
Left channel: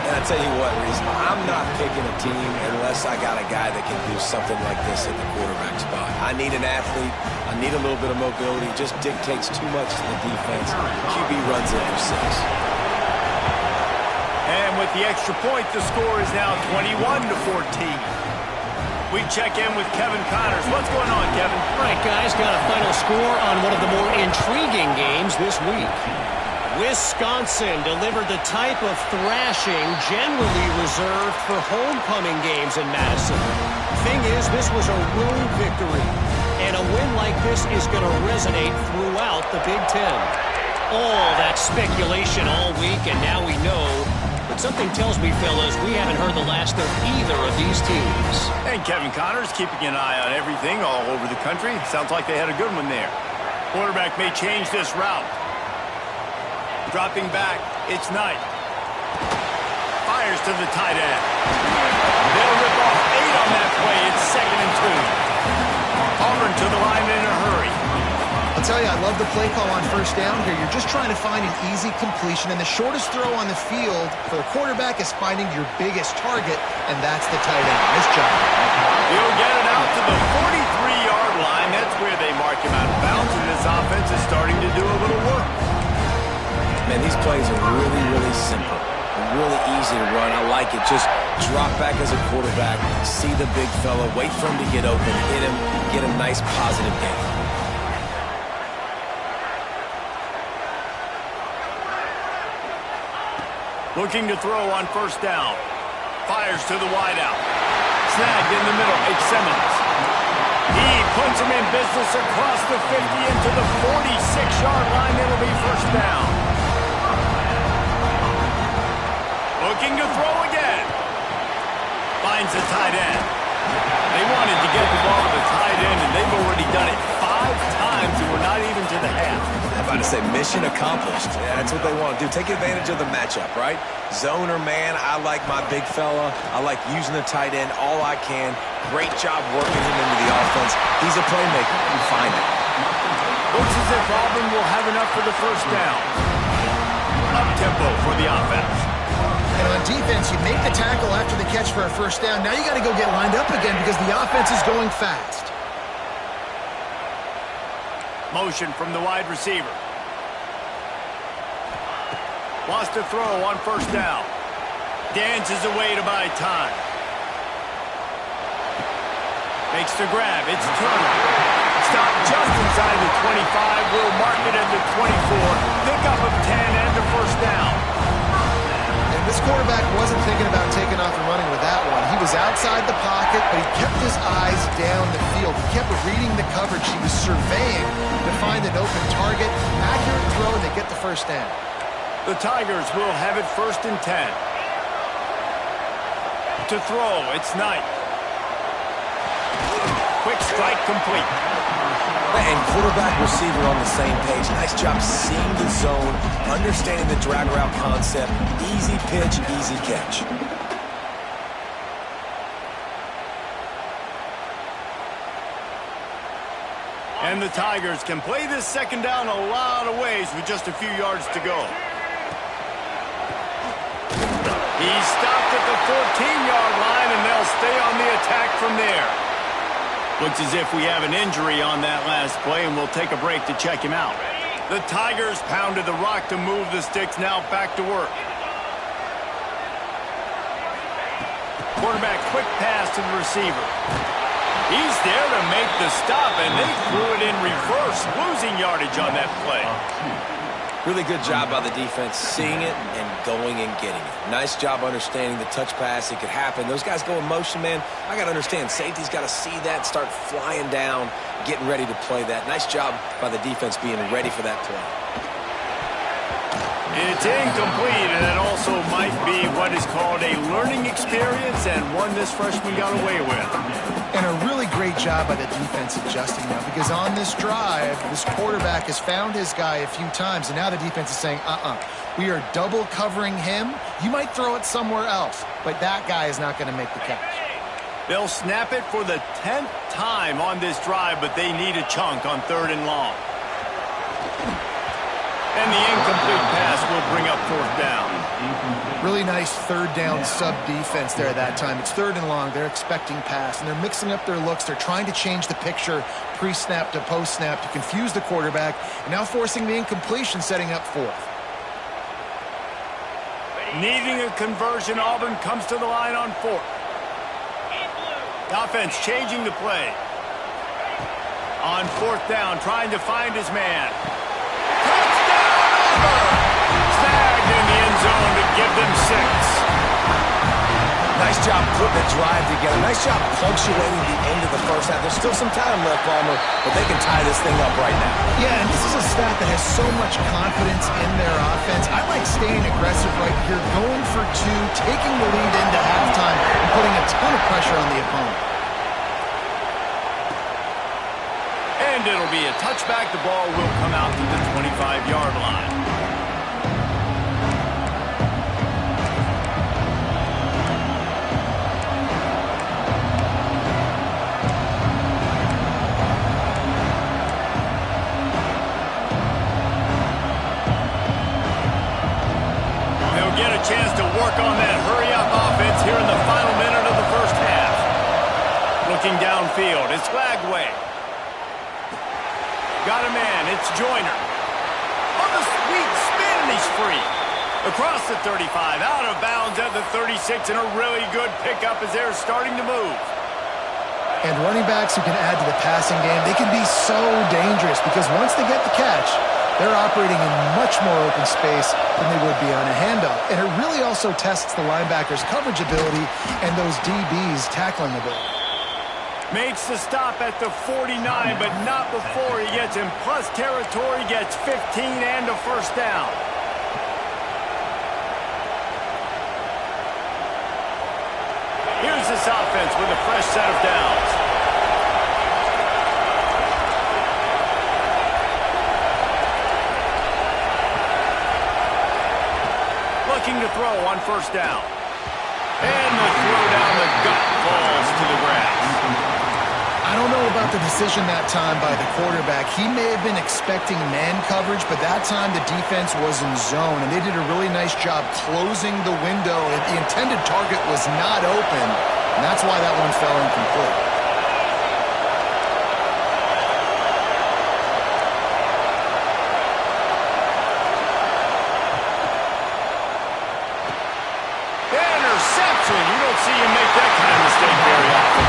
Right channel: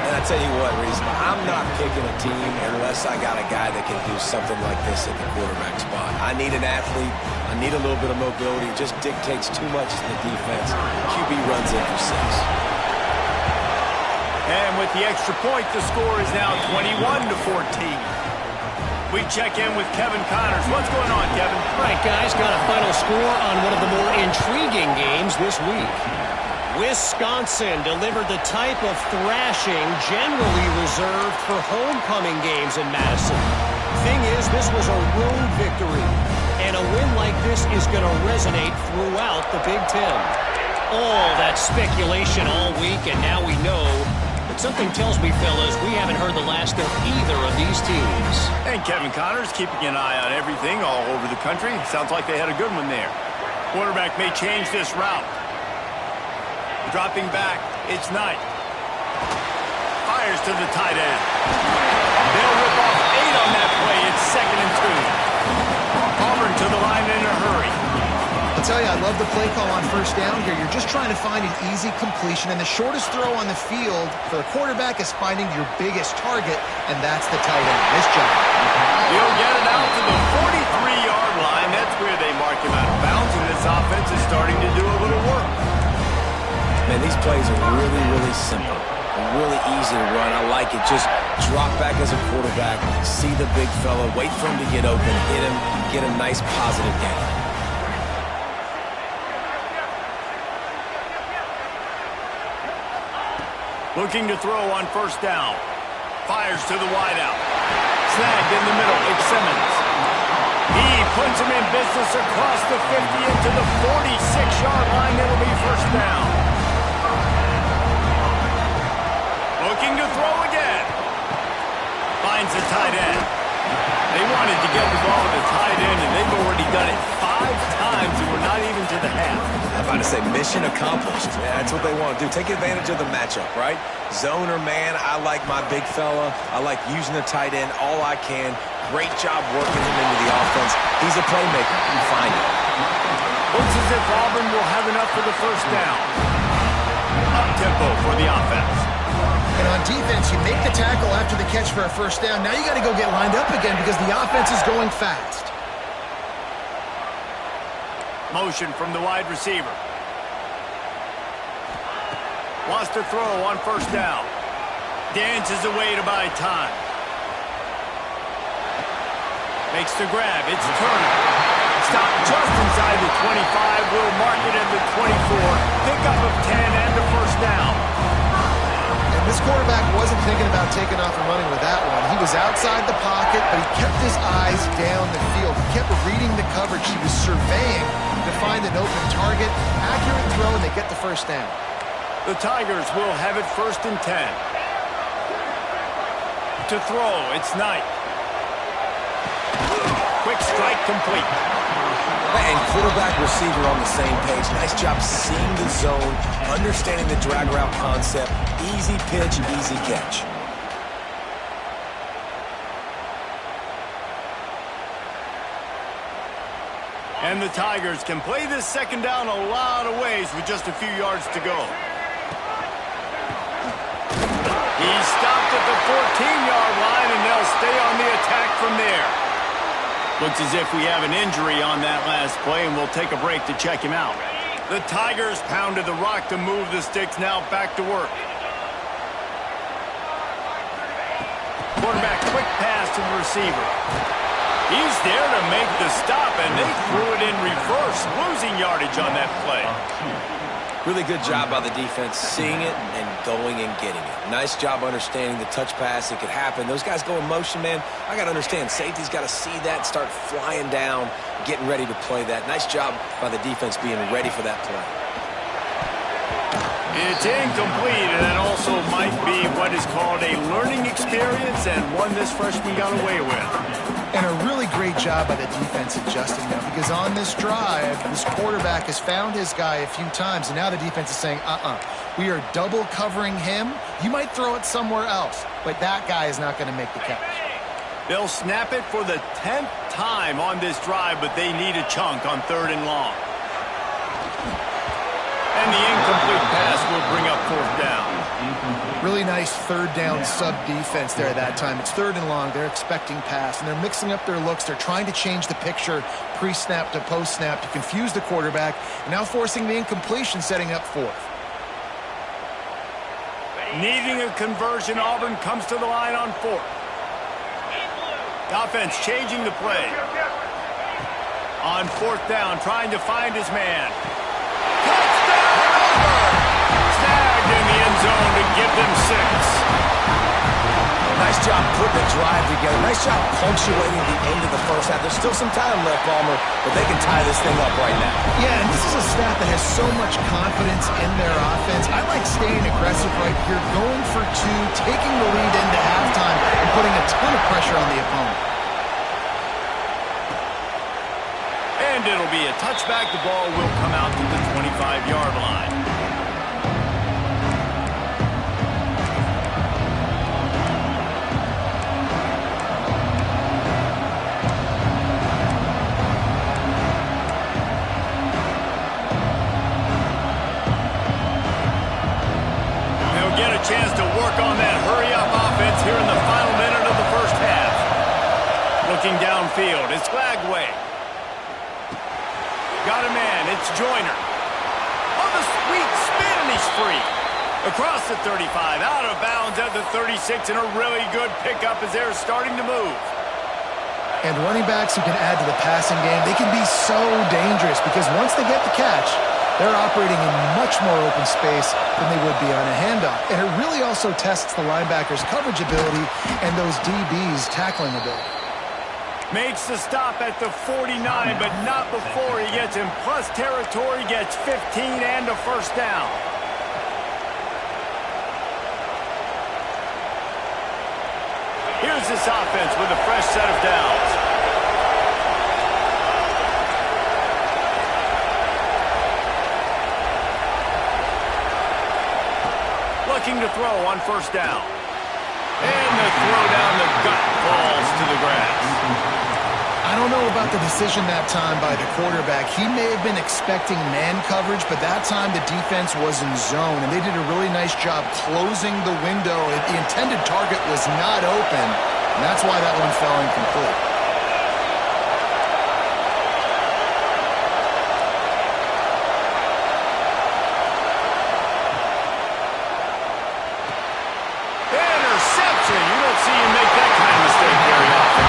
And I tell you what, Reese, I'm not picking a team unless I got a guy that can do something like this at the quarterback spot. I need an athlete. I need a little bit of mobility. It just dictates too much to the defense. QB runs in for 6. And with the extra point, the score is now 21-14. We check in with Kevin Connors. What's going on, Kevin? All right, guys, got a final score on one of the more intriguing games this week. Wisconsin delivered the type of thrashing generally reserved for homecoming games in Madison. Thing is, this was a road victory, and a win like this is going to resonate throughout the Big Ten. All that speculation all week, and now we know. But something tells me, fellas, we haven't heard the last of either of these teams. And Kevin Connors keeping an eye on everything all over the country. Sounds like they had a good one there. Quarterback may change this route. Dropping back, it's Knight. Fires to the tight end. They'll rip off 8 on that play. It's 2nd and 2. Auburn to the line in a hurry. I'll tell you, I love the play call on first down here. You're just trying to find an easy completion, and the shortest throw on the field for the quarterback is finding your biggest target, and that's the tight end. Nice job. He'll get it out to the 43-yard line. That's where they mark him out of bounds, and this offense is starting to do a little work. Man, these plays are really, really simple. Really easy to run. I like it. Just drop back as a quarterback, see the big fella, wait for him to get open, hit him, get a nice positive gain. Looking to throw on first down. Fires to the wideout. Snagged in the middle. It's Simmons. He puts him in business across the 50 into the 46-yard line. It'll be first down. Looking to throw again. Finds the tight end. They wanted to get the ball to the tight end, and they've already done it 5 times, and we're not even to the half. I'm about to say mission accomplished. Yeah, that's what they want to do. Take advantage of the matchup, right? Zone or man, I like my big fella. I like using the tight end all I can. Great job working him into the offense. He's a playmaker. You find it. Looks as if Auburn will have enough for the first down. Up-tempo for the offense. And on defense, you make the tackle after the catch for a first down. Now you got to go get lined up again because the offense is going fast. Motion from the wide receiver. Wants to throw on first down. Dances away to buy time. Makes the grab. It's Turner. Stopped just inside the 25. Will mark it at the 24. Pickup of 10 and a first down. And this quarterback wasn't thinking about taking off and running with that one. He was outside the pocket, but he kept his eyes down the field. He kept reading the coverage. He was surveying to find an open target. Accurate throw, and they get the first down. The Tigers will have it 1st and 10. To throw, it's Knight. Quick strike complete. And quarterback, receiver on the same page. Nice job seeing the zone, understanding the drag route concept. Easy pitch, easy catch. And the Tigers can play this second down a lot of ways with just a few yards to go. He's stopped at the 14-yard line, and they'll stay on the attack from there. Looks as if we have an injury on that last play, and we'll take a break to check him out. The Tigers pounded the rock to move the sticks, now back to work. Quarterback, quick pass to the receiver. He's there to make the stop, and they threw it in reverse, losing yardage on that play. Really good job by the defense, seeing it and going and getting it. Nice job understanding the touch pass. It could happen. Those guys go in motion, man. I got to understand, safety's got to see that, start flying down, getting ready to play that. Nice job by the defense being ready for that play. It's incomplete, and that also might be what is called a learning experience, and one this freshman got away with. And a really great job by the defense adjusting now, because on this drive, this quarterback has found his guy a few times, and now the defense is saying, we are double covering him. You might throw it somewhere else, but that guy is not going to make the catch. They'll snap it for the 10th time on this drive, but they need a chunk on 3rd and long. And the incomplete pass will bring up 4th down. Really nice 3rd down sub-defense there that time. It's 3rd and long. They're expecting pass, and they're mixing up their looks. They're trying to change the picture pre-snap to post-snap to confuse the quarterback, and now forcing the incompletion, setting up 4th. Needing a conversion, Auburn comes to the line on 4th. The offense changing the play. On 4th down, trying to find his man. Touchdown, Auburn! Snagged in the end zone to give them 6. Nice job putting the drive together. Nice job punctuating the end of the first half. There's still some time left, Palmer, but they can tie this thing up right now. Yeah, and this is a staff that has so much confidence in their offense. I like staying aggressive right here, going for 2, taking the lead into halftime, and putting a ton of pressure on the opponent. And it'll be a touchback. The ball will come out to the 25-yard line. They'll get a chance to work on that hurry-up offense here in the final minute of the first half. Looking downfield, it's Glagway. Got a man, it's Joyner. On the sweet spin, and he's free. Across the 35, out of bounds at the 36, and a really good pickup as they're starting to move. And running backs who can add to the passing game, they can be so dangerous because once they get the catch, they're operating in much more open space than they would be on a handoff. And it really also tests the linebackers' coverage ability and those DBs' tackling ability. Makes the stop at the 49, but not before he gets in plus territory, gets 15 and a first down. Here's this offense with a fresh set of downs. Looking to throw on first down. And the throw down the gut falls to the grass. I don't know about the decision that time by the quarterback. He may have been expecting man coverage, but that time the defense was in zone, and they did a really nice job closing the window. The intended target was not open, and that's why that one fell incomplete. Interception. You don't see him make that kind of mistake very often.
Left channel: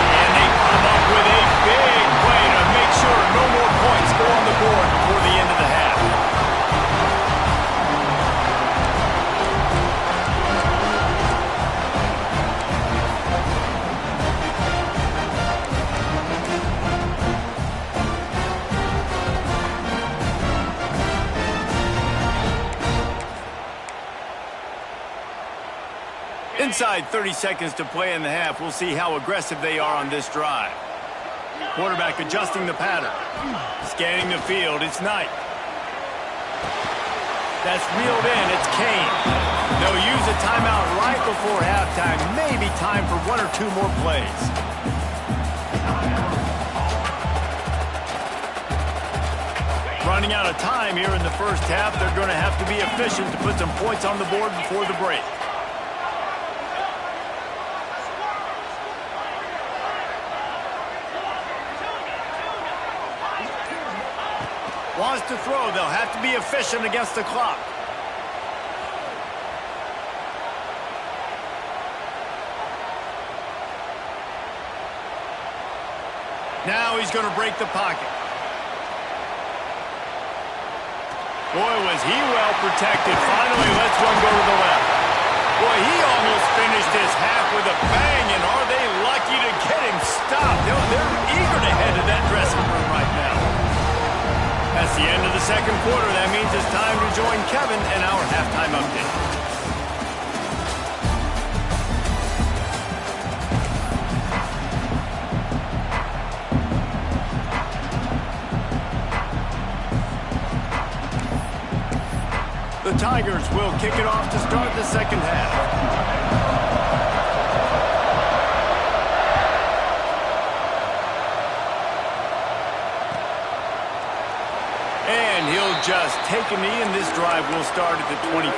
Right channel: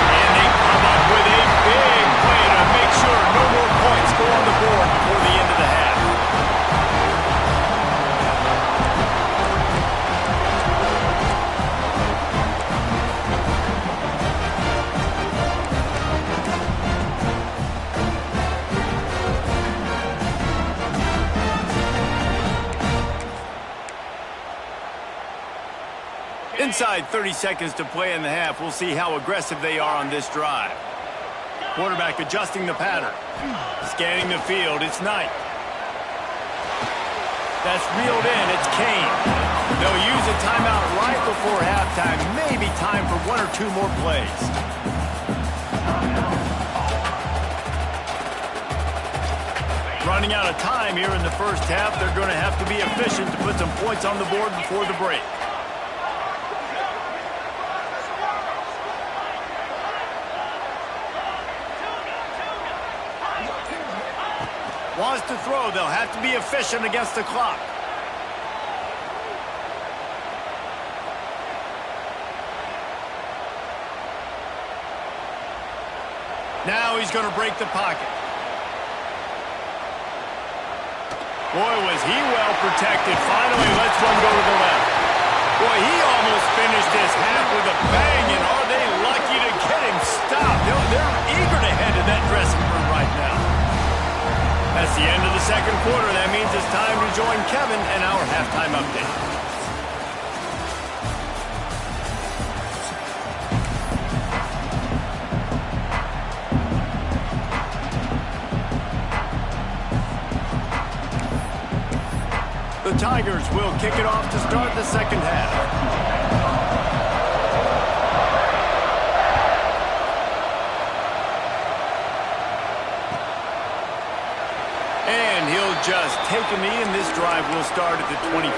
And they come up with a big play to make sure no more points go on the board before the end of the half. Inside 30 seconds to play in the half. We'll see how aggressive they are on this drive. Quarterback adjusting the pattern. Scanning the field. It's Knight. That's reeled in. It's Kane. They'll use a timeout right before halftime. Maybe time for 1 or 2 more plays. Running out of time here in the first half. They're going to have to be efficient to put some points on the board before the break. Wants to throw. They'll have to be efficient against the clock. Now he's going to break the pocket. Boy, was he well protected. Finally lets one go to the left. Boy, he almost finished his half with a bang, and are they lucky to get him stopped? They're eager to head to that dressing room right now. That's the end of the second quarter. That means it's time to join Kevin in our halftime update. The Tigers will kick it off to start the second half. And he'll just take a knee, and this drive will start at the 20.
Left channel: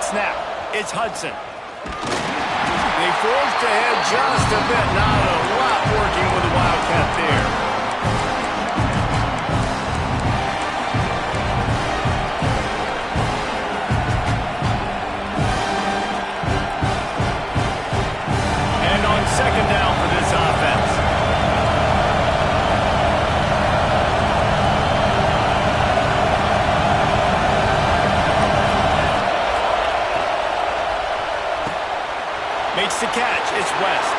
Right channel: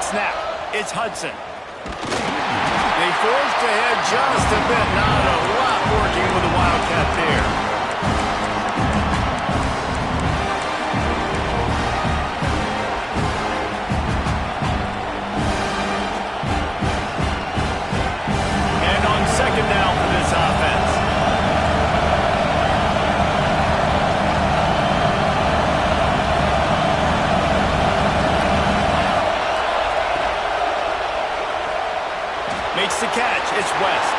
Snap. It's Hudson. They forced ahead just a bit. Not a lot working with the Wildcat there. And on second down for this offense. Makes the catch. It's West.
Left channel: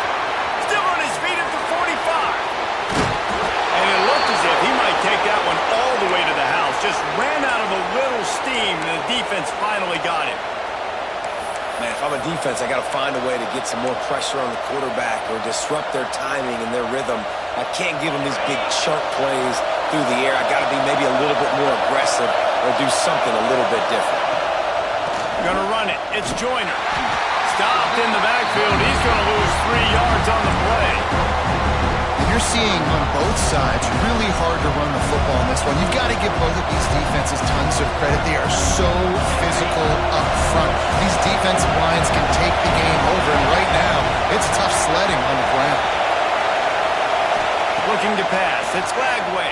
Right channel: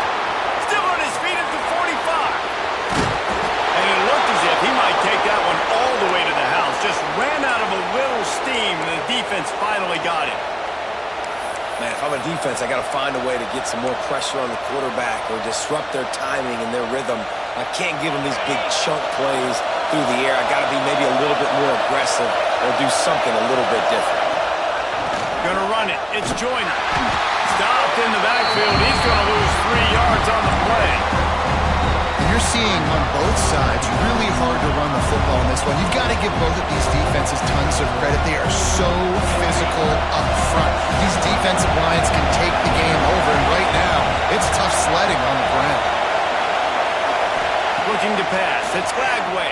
Still on his feet at the 45. And it looked as if he might take that one all the way to the house. Just ran out of a little steam, and the defense finally got him. Man, if I'm a defense, I got to find a way to get some more pressure on the quarterback or disrupt their timing and their rhythm. I can't give them these big chunk plays through the air. I got to be maybe a little bit more aggressive or do something a little bit different. Gonna run it. It's Joyner. Stopped in the backfield. He's going to lose 3 yards on the play. And you're seeing on both sides really hard to run the football in this one. You've got to give both of these defenses tons of credit. They are so physical up front. These defensive lines can take the game over, and right now, it's tough sledding on the ground. Looking to pass. It's Flagway.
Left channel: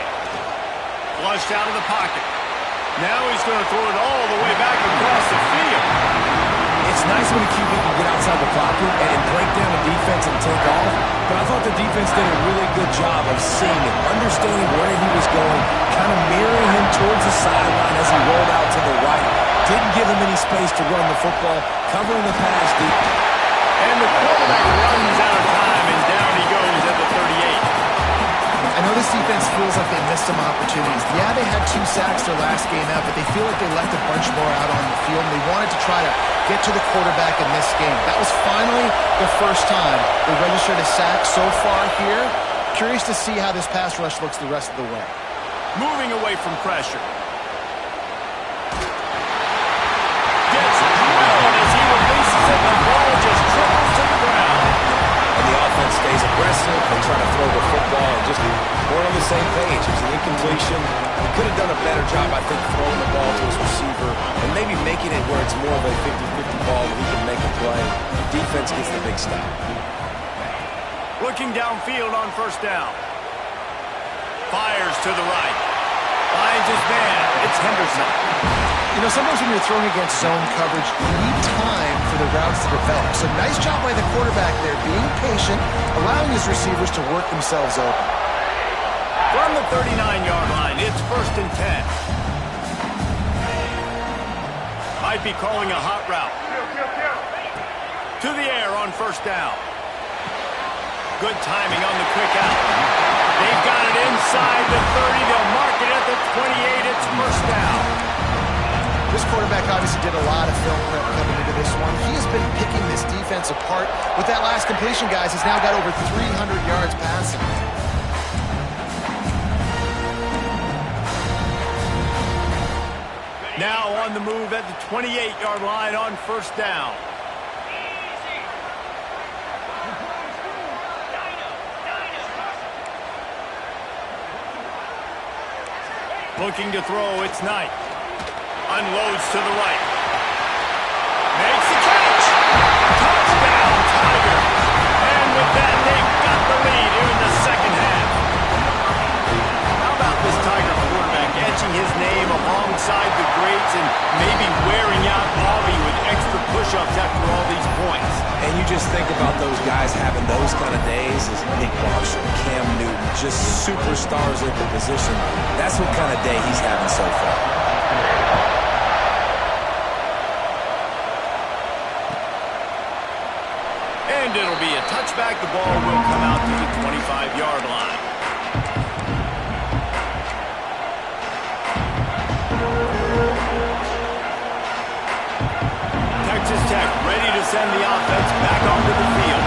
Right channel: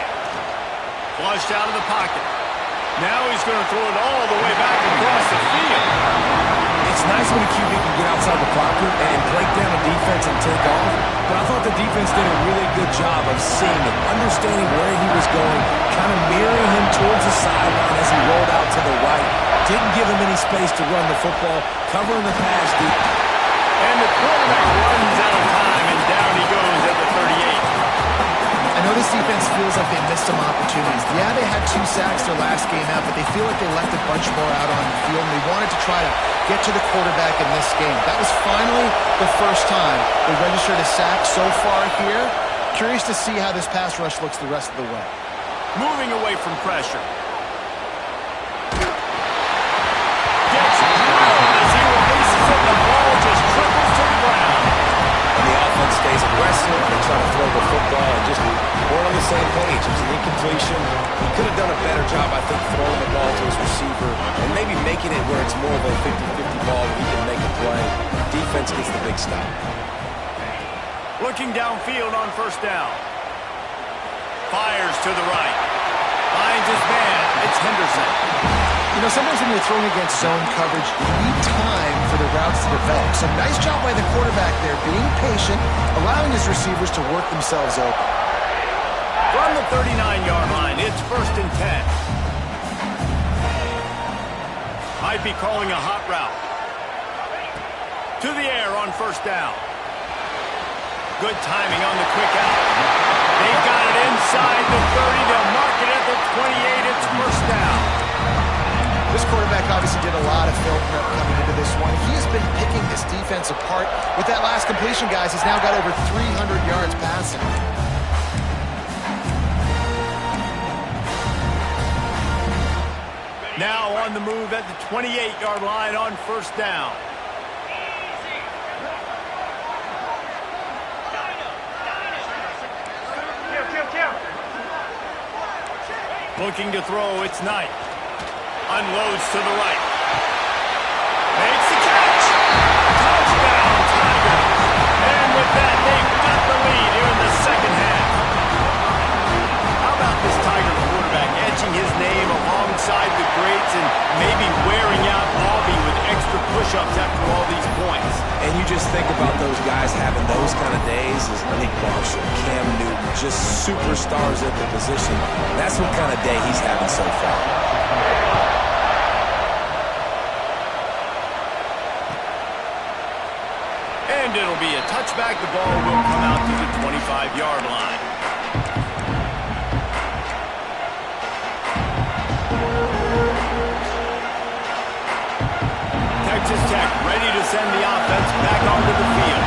Flushed out of the pocket. Now he's going to throw it all the way back across the field. It's nice when a QB can get outside the pocket and break down a defense and take off, but I thought the defense did a really good job of seeing it, understanding where he was going, kind of mirroring him towards the sideline as he rolled out to the right. Didn't give him any space to run the football, covering the pass deep. And the quarterback runs out of time, and down he goes at the 38. I know this defense feels like they missed some opportunities. Yeah, they had 2 sacks their last game out, but they feel like they left a bunch more out on the field, and they wanted to try to get to the quarterback in this game. That was finally the first time they registered a sack so far here. Curious to see how this pass rush looks the rest of the way. Moving away from pressure. Gets drilled as he releases it, and the ball just triples to the ground. And the offense stays aggressive. They try to throw the football and just weren't on the same page. It was an incompletion. He could have done a better job, I think, throwing the ball to his receiver and maybe making it where it's more of a 50-50 ball where he can make a play. Defense gets the big stop. Looking downfield on first down. Fires to the right. Finds his man. It's Henderson. You know, sometimes when you're throwing against zone coverage, you need time for the routes to develop. So nice job by the quarterback there, being patient, allowing his receivers to work themselves open. From the 39-yard line, it's 1st and 10. Might be calling a hot route. To the air on first down. Good timing on the quick out. They've got it inside the 30. They'll mark it at the 28. It's first down. This quarterback obviously did a lot of film prep coming into this one. He has been picking this defense apart. With that last completion, guys, he's now got over 300 yards passing. Now on the move at the 28-yard line on first down. Looking to throw, it's Knight. Unloads to the right. Makes the catch. Touchdown, Tigers. And with that, they've got the lead here in the second half. How about this Tiger quarterback etching his name alongside the greats and maybe wearing out Bobby with extra push-ups after all these points? And you just think about those guys having those kind of days as Nick Marshall, Cam Newton, just superstars at the position. That's what kind of day he's having so far. And it'll be a touchback. The ball will come out to the 25-yard line. Texas Tech ready to send the offense back onto the field.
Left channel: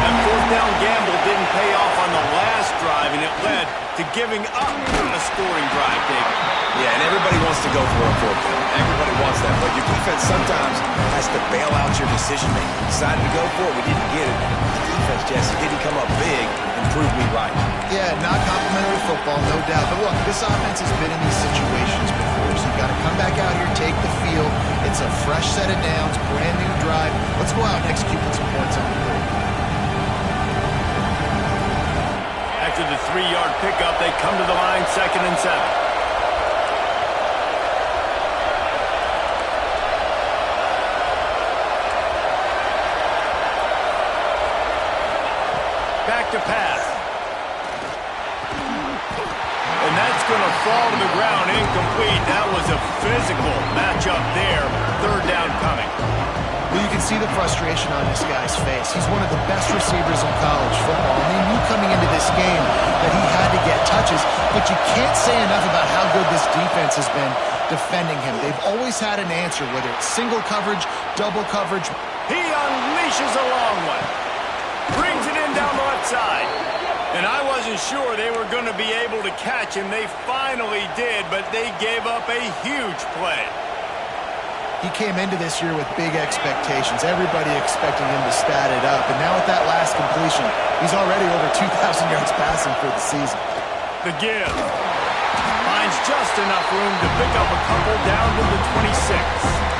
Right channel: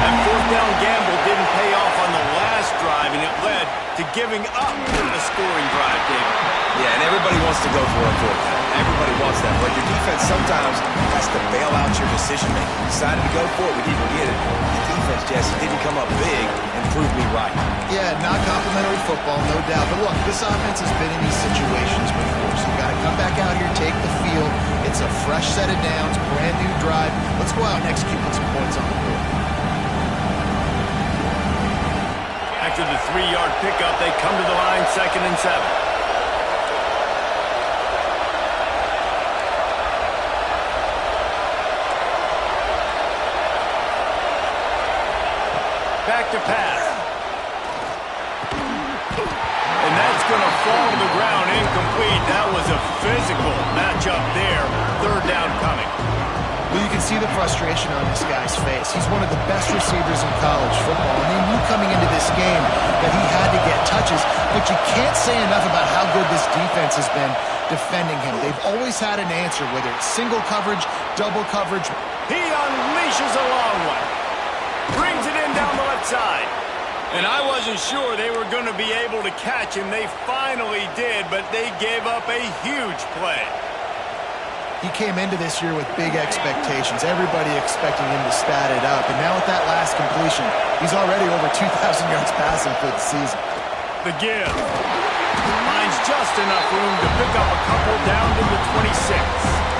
That fourth down gamble didn't pay off on the last drive, and it led to giving up a scoring drive, David. Yeah, and everybody wants to go for a fourth down. Everybody wants that, but your defense sometimes has to bail out your decision-making. We decided to go for it. We didn't get it. The defense, Jesse, didn't come up big and prove me right. Yeah, not complimentary football, no doubt. But look, this offense has been in these situations before, so you've got to come back out here, take the field. It's a fresh set of downs, brand new drive. Let's go out and execute with some points on the board. After the 3-yard pickup, they come to the line, 2nd and 7. Back to pass. And that's going to fall to the ground, incomplete. That was a physical matchup there. 3rd down coming. Well, you can see the frustration on this guy's face. He's one of the best receivers in college football, and they knew coming into this game that he had to get touches, but you can't say enough about how good this defense has been defending him. They've always had an answer, whether it's single coverage, double coverage. He unleashes a long one. Brings it in down the left side. And I wasn't sure they were going to be able to catch him. They finally did, but they gave up a huge play. He came into this year with big expectations. Everybody expecting him to stat it up. And now with that last completion, he's already over 2,000 yards passing for the season. The give. Finds just enough room to pick up a couple down to the 26.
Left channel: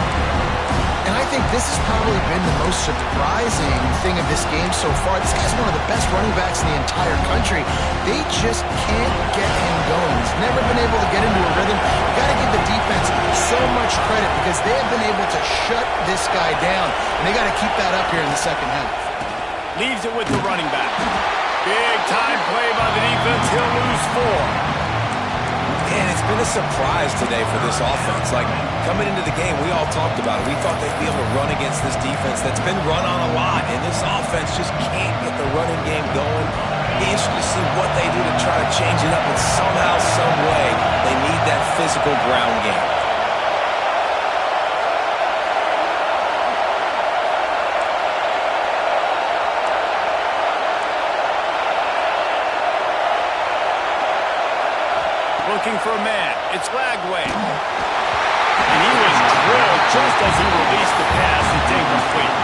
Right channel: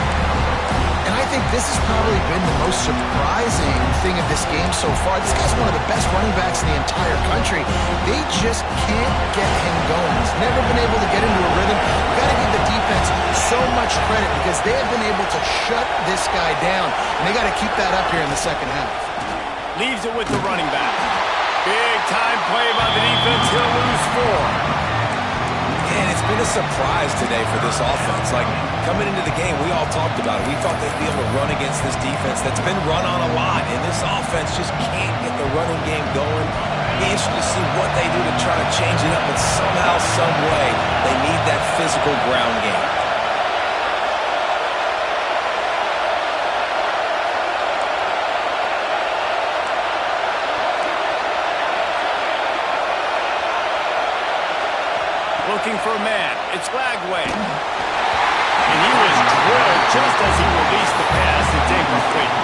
And I think this has probably been the most surprising thing of this game so far. This guy's one of the best running backs in the entire country. They just can't get him going. He's never been able to get into a rhythm. You've got to give the defense so much credit because they have been able to shut this guy down. And they got to keep that up here in the second half. Leaves it with the running back. Big time play by the defense. He'll lose 4. And it's been a surprise today for this offense. Like, coming into the game, we all talked about it. We thought they'd be able to run against this defense that's been run on a lot, and this offense just can't get the running game going. Be interested to see what they do to try to change it up, but somehow, some way, they need that physical ground game. Looking for a man. It's Lagway. And he was drilled just as he released the pass. It's incomplete.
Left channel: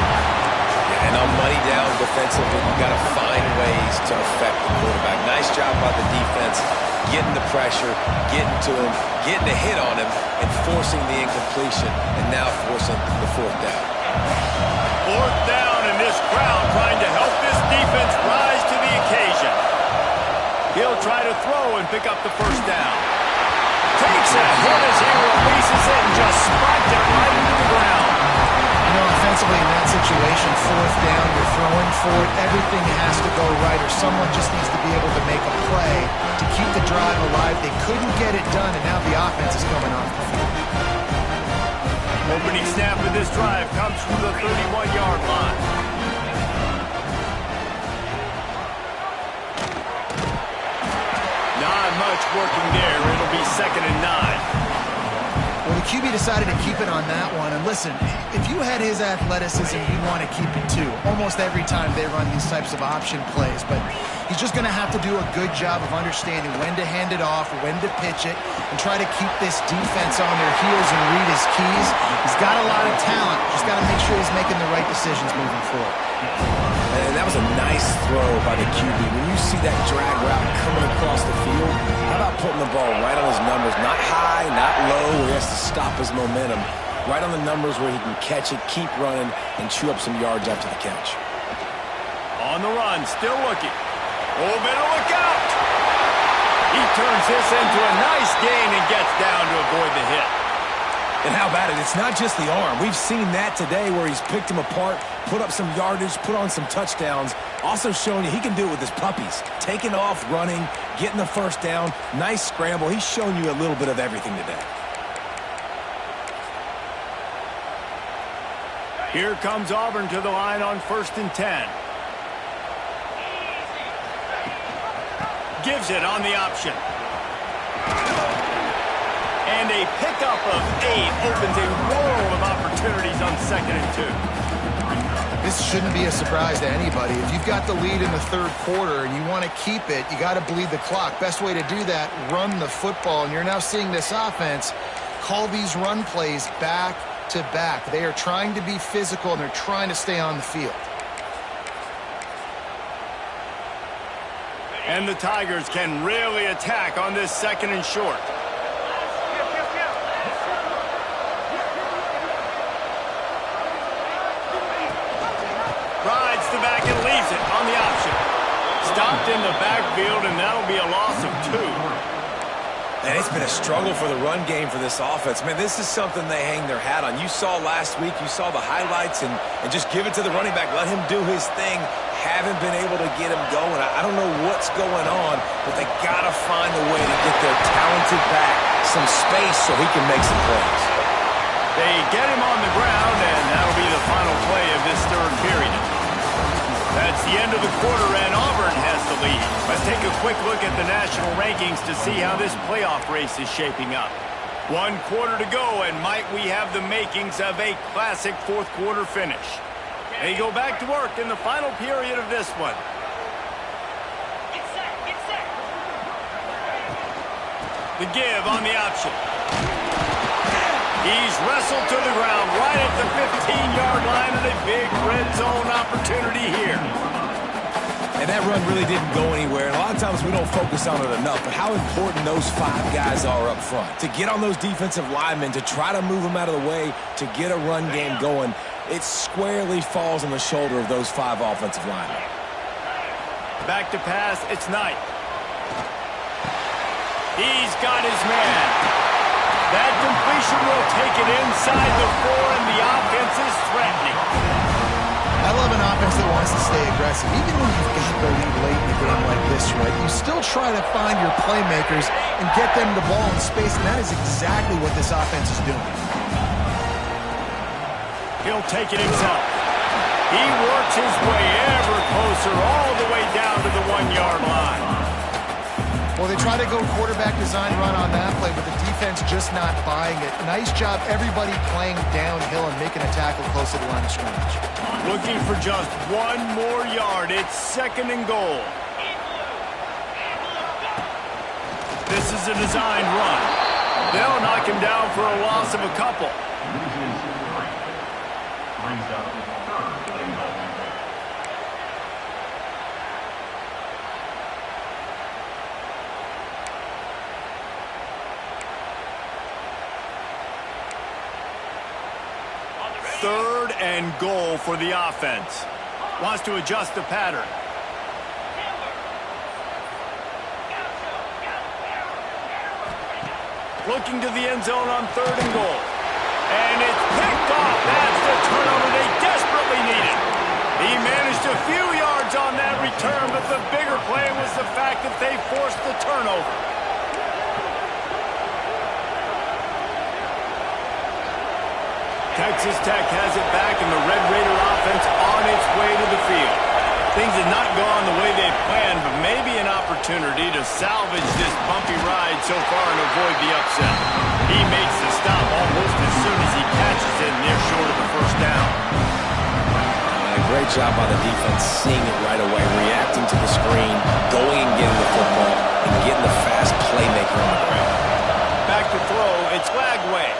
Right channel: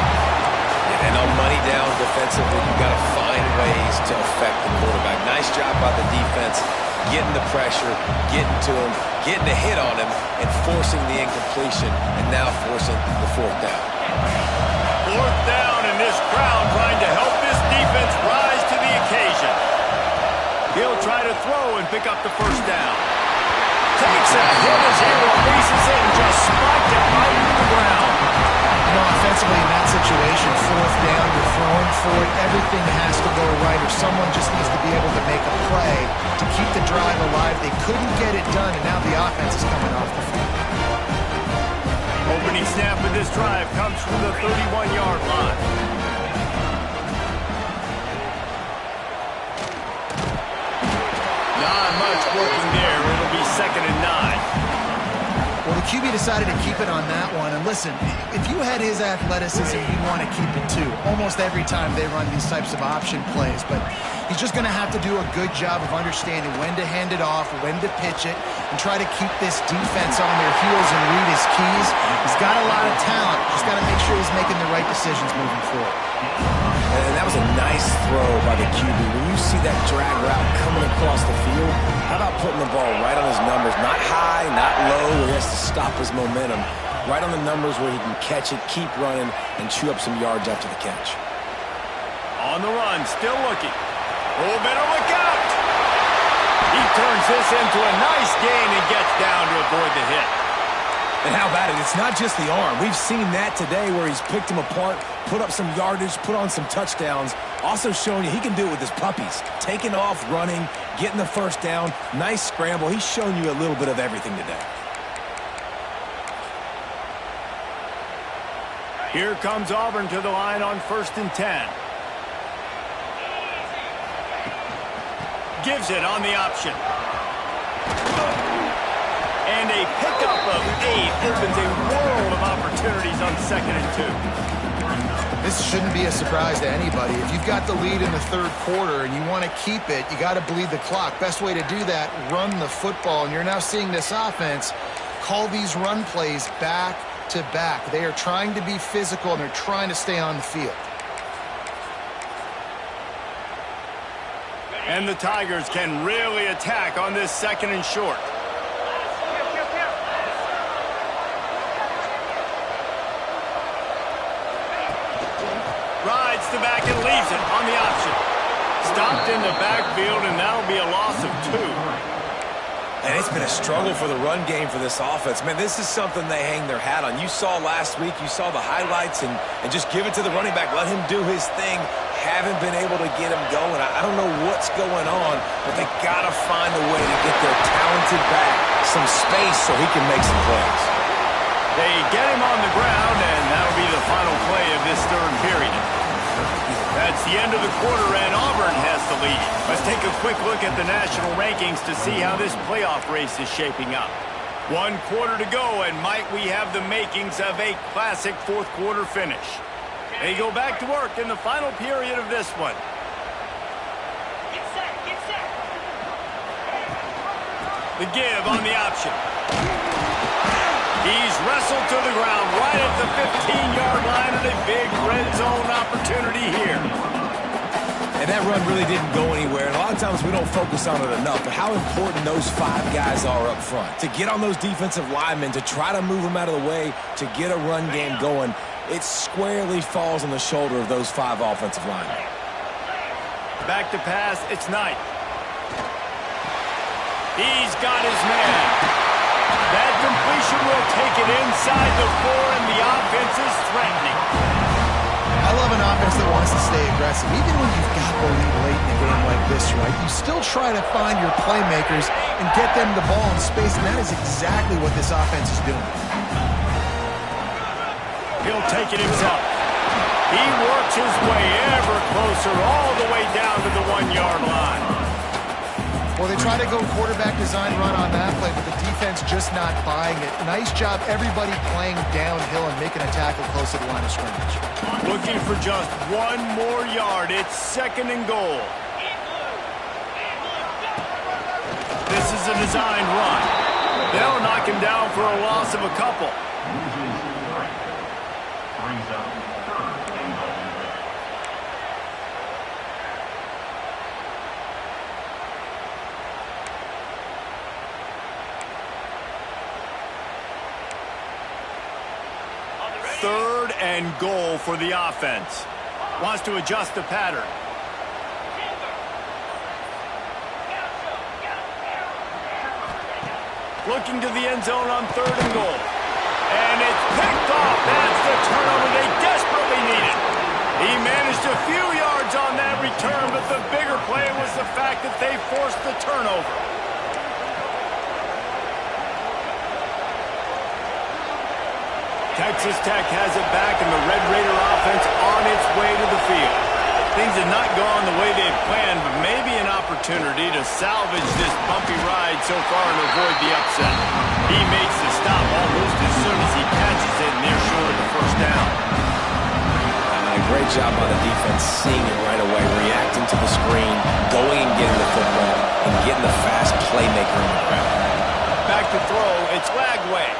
Yeah, and on money down defensively, you've got to find ways to affect the quarterback. Nice job by the defense, getting the pressure, getting to him, getting a hit on him, and forcing the incompletion, and now forcing the 4th down. 4th down, and this crowd trying to help this defense rise to the occasion. He'll try to throw and pick up the 1st down. Takes a hit as he releases it and just spiked it right into the ground. You know, offensively in that situation, 4th down, you're throwing for it. Everything has to go right, or someone just needs to be able to make a play to keep the drive alive. They couldn't get it done, and now the offense is coming off the field. Opening snap of this drive comes from the 31-yard line. Not much working there. It'll be 2nd and 9. Well, the QB decided to keep it on that one. And listen, if you had his athleticism, you'd want to keep it too. Almost every time they run these types of option plays. But he's just going to have to do a good job of understanding when to hand it off, when to pitch it, and try to keep this defense on their heels and read his keys. He's got a lot of talent. Just got to make sure he's making the right decisions moving forward. And that was a nice throw by the QB. When you see that drag route coming across the field, how about putting the ball right on his numbers? Not high, not low, where he has to stop his momentum. Right on the numbers where he can catch it, keep running, and chew up some yards after the catch. On the run, still looking. Oh, better look out! He turns this into a nice gain and gets down to avoid the hit. And how about it? It's not just the arm. We've seen that today where he's picked him apart, put up some yardage, put on some touchdowns. Also showing you he can do it with his puppies. Taking off, running, getting the first down. Nice scramble. He's shown you a little bit of everything today. Here comes Auburn to the line on 1st and 10. Gives it on the option. And a pickup of 8 opens a world of opportunities on 2nd and 2. This shouldn't be a surprise to anybody. If you've got the lead in the 3rd quarter and you want to keep it, you got to bleed the clock. Best way to do that, run the football. And you're now seeing this offense call these run plays back to back. They are trying to be physical and they're trying to stay on the field. And the Tigers can really attack on this 2nd and short. Rides the back and leaves it on the option. Stopped in the backfield, and that'll be a loss of 2. And it's been a struggle for the run game for this offense. Man, this is something they hang their hat on. You saw last week, you saw the highlights, and just give it to the running back. Let him do his thing. Haven't been able to get him going. I don't know what's going on, but they got to find a way to get their talented back some space so he can make some plays. They get him on the ground, and that'll be the final play of this 3rd period. That's the end of the quarter, and Auburn has the lead. Let's take a quick look at the national rankings to see how this playoff race is shaping up. 1 quarter to go, and might we have the makings of a classic 4th quarter finish. They go back to work in the final period of this one. Get set, get set. The give on the option. He's wrestled to the ground right at the 15-yard line, and a big red zone opportunity here. And that run really didn't go anywhere. And a lot of times we don't focus on it enough, but how important those 5 guys are up front. To get on those defensive linemen, to try to move them out of the way, to get a run game going, it squarely falls on the shoulder of those 5 offensive linemen. Back to pass, it's Knight. He's got his man. That completion will take it inside the 4, and the offense is threatening. I love an offense that wants to stay aggressive. Even when you've got the lead late in a game like this, right, you still try to find your playmakers and get them the ball in space, and that is exactly what this offense is doing. He'll take it himself. He works his way ever closer all the way down to the 1-yard line. Well, they try to go quarterback design run on that play, but the defense just not buying it. Nice job, everybody playing downhill and making a tackle close to the line of scrimmage. Looking for just 1 more yard. It's 2nd and goal. This is a designed run. They'll knock him down for a loss of a couple. Brings up 3rd and goal. Third and goal for the offense. Wants to adjust the pattern. Looking to the end zone on 3rd and goal. And it's picked off. That's the turnover they desperately needed. He managed a few yards on that return, but the bigger play was the fact that they forced the turnover. Texas Tech has it back, and the Red Raider offense on its way to the field. Things have not gone the way they planned, but maybe an opportunity to salvage this bumpy ride so far and avoid the upset. He makes the stop almost as soon as he catches it near short of the first down. A great job by the defense seeing it right away, reacting to the screen, going and getting the football, and getting the fast playmaker on the ground. Back to throw, it's Lagway.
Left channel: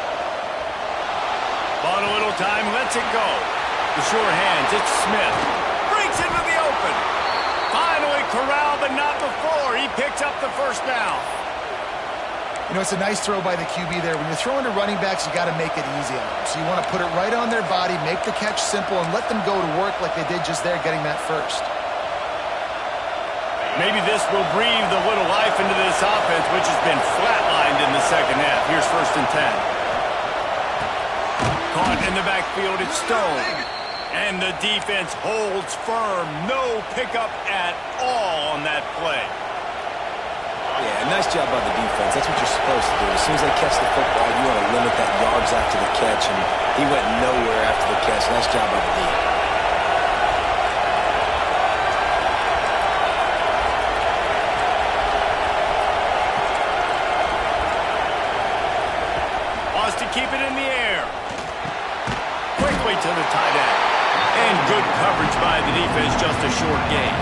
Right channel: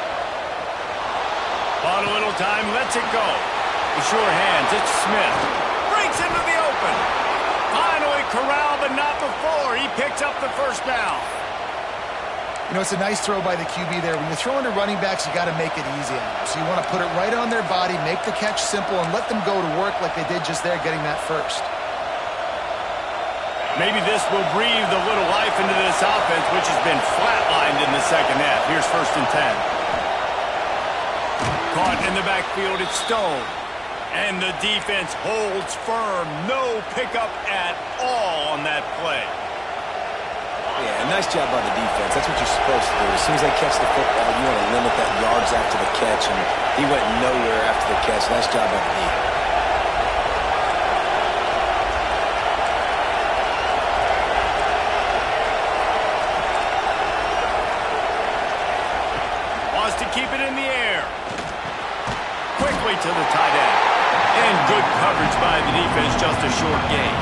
Bought a little time, lets it go. The sure hands, it's Smith. Breaks into the open. Finally corralled, but not before. He picks up the first down. You know, it's a nice throw by the QB there. When you're throwing to running backs, you got to make it easy on them. So you want to put it right on their body, make the catch simple, and let them go to work like they did just there, getting that first. Maybe this will breathe a little life into this offense, which has been flatlined in the second half. Here's 1st and 10. Caught in the backfield, it's Stone. And the defense holds firm. No pickup at all on that play. Yeah, nice job by the defense. That's what you're supposed to do. As soon as they catch the football, you want to limit that yards after the catch, and he went nowhere after the catch. Nice job by the D. Wants to keep it in the air. Quickly to the tight end. And good coverage by the defense, just a short gain.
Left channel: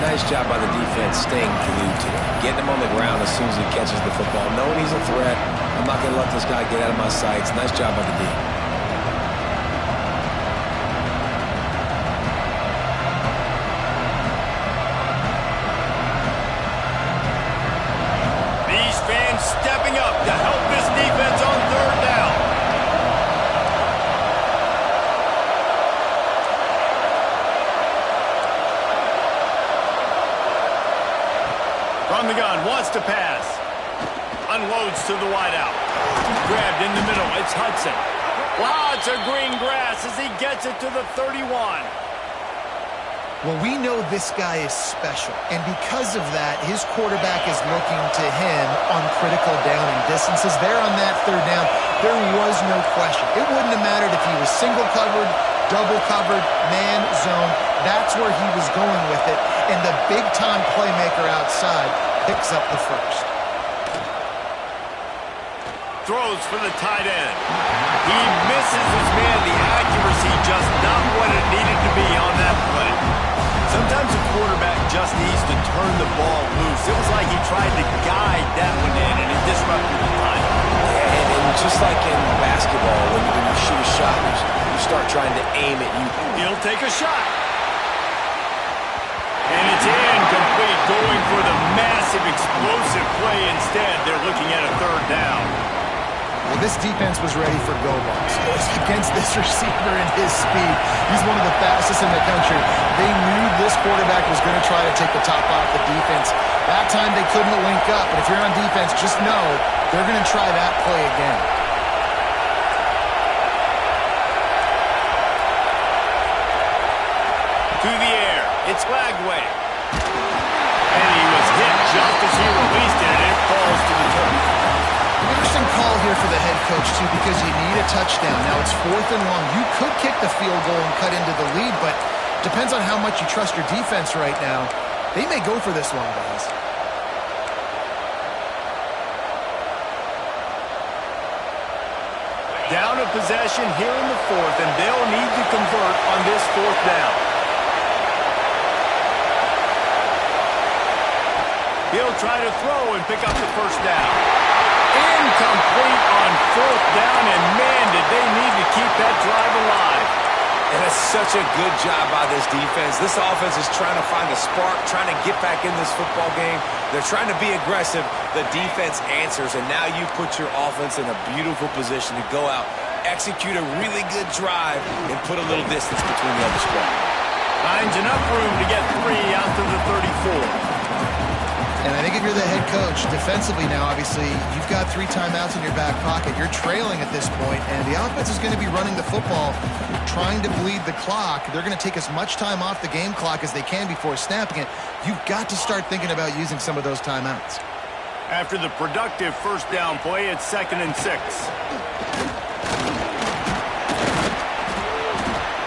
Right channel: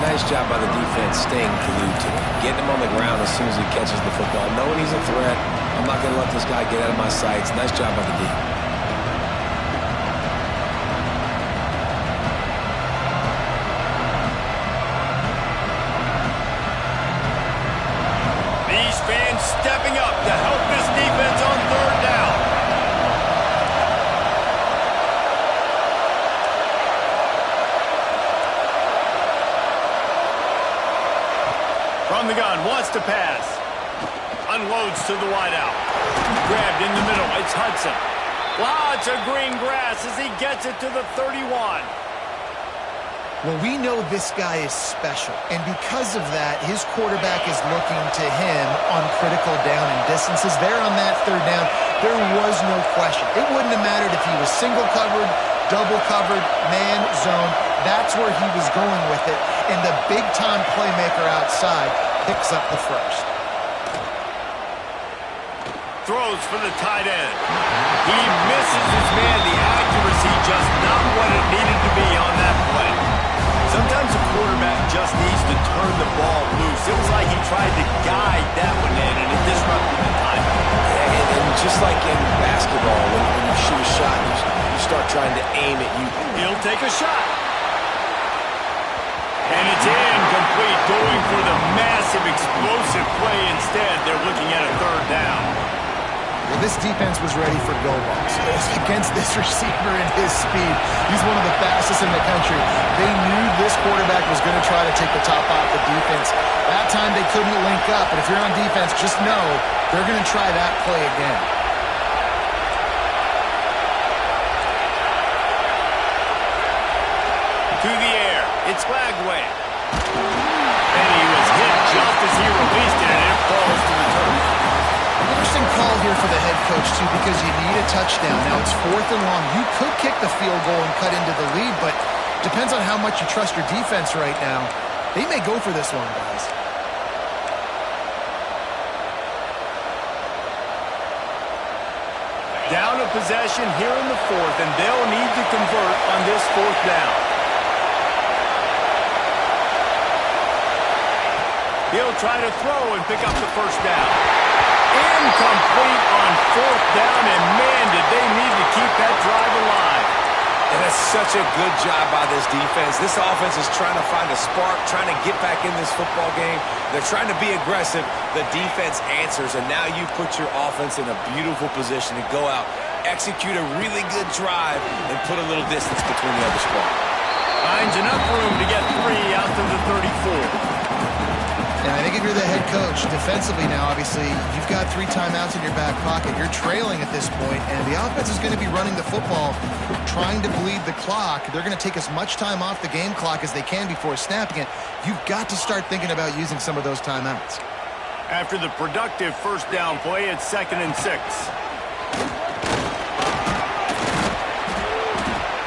Nice job by the defense staying glued to him. Getting him on the ground as soon as he catches the football. Knowing he's a threat. I'm not going to let this guy get out of my sights. Nice job by the D. These fans stepping up to help this defense on 3rd down. From the gun, wants to pass. Unloads to the wideout. Grabbed in the middle, it's Hudson. Lots of green grass as he gets it to the 31. Well, we know this guy is special, and because of that, his quarterback is looking to him on critical down and distances. There on that 3rd down, there was no question. It wouldn't have mattered if he was single covered, double covered, man, zone. That's where he was going with it, and the big-time playmaker outside picks up the first. Throws for the tight end. He misses his man. The accuracy just not what it needed to be on that play. Sometimes a quarterback just needs to turn the ball loose. It was like he tried to guide that one in, and it disrupted the timing. And just like in basketball, when you shoot a shot, you start trying to aim it. He'll take a shot. And it's incomplete, going for the massive explosive play instead. They're looking at a 3rd down. Well, this defense was ready for go balls against this receiver and his speed. He's one of the fastest in the country. They knew this quarterback was going to try to take the top off the defense. That time they couldn't link up, but if you're on defense, just know they're going to try that play again. To the air, it's Lagway. And he was hit just as he released it, and it falls to the turf. Interesting call here for the head coach, too, because you need a touchdown. Now it's 4th and long. You could kick the field goal and cut into the lead, but depends on how much you trust your defense right now. They may go for this one, guys. Down a possession here in the 4th, and they'll need to convert on this 4th down. He'll try to throw and pick up the first down. Incomplete on 4th down, and man, did they need to keep that drive alive. And that's such a good job by this defense. This offense is trying to find a spark, trying to get back in this football game. They're trying to be aggressive. The defense answers, and now you put your offense in a beautiful position to go out, execute a really good drive, and put a little distance between the other squad. Finds enough room to get 3 out to the 34. And I think if you're the head coach, defensively now, obviously, you've got 3 timeouts in your back pocket. You're trailing at this point, and the offense is going to be running the football, trying to bleed the clock. They're going to take as much time off the game clock as they can before snapping it. You've got to start thinking about using some of those timeouts. After the productive first down play, it's 2nd and 6.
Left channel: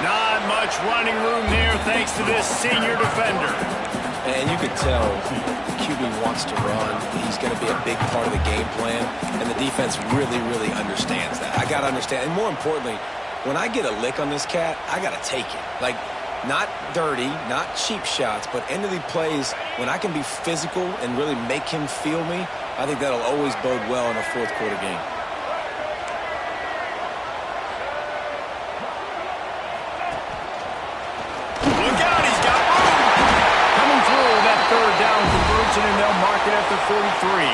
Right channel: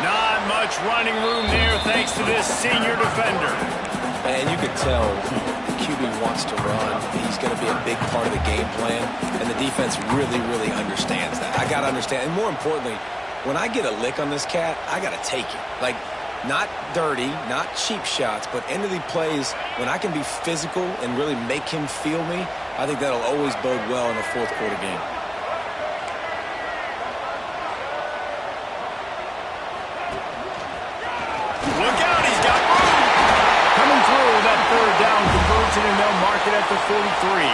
Not much much running room there thanks to this senior defender. And you could tell the QB wants to run. He's going to be a big part of the game plan, and the defense really, really understands that. I got to understand, and more importantly, when I get a lick on this cat, I got to take it. Like, not dirty, not cheap shots, but end of the plays, when I can be physical and really make him feel me, I think that'll always bode well in a fourth quarter game. Look out, he's got room. Coming through that third down conversion, and they'll mark it at the 43.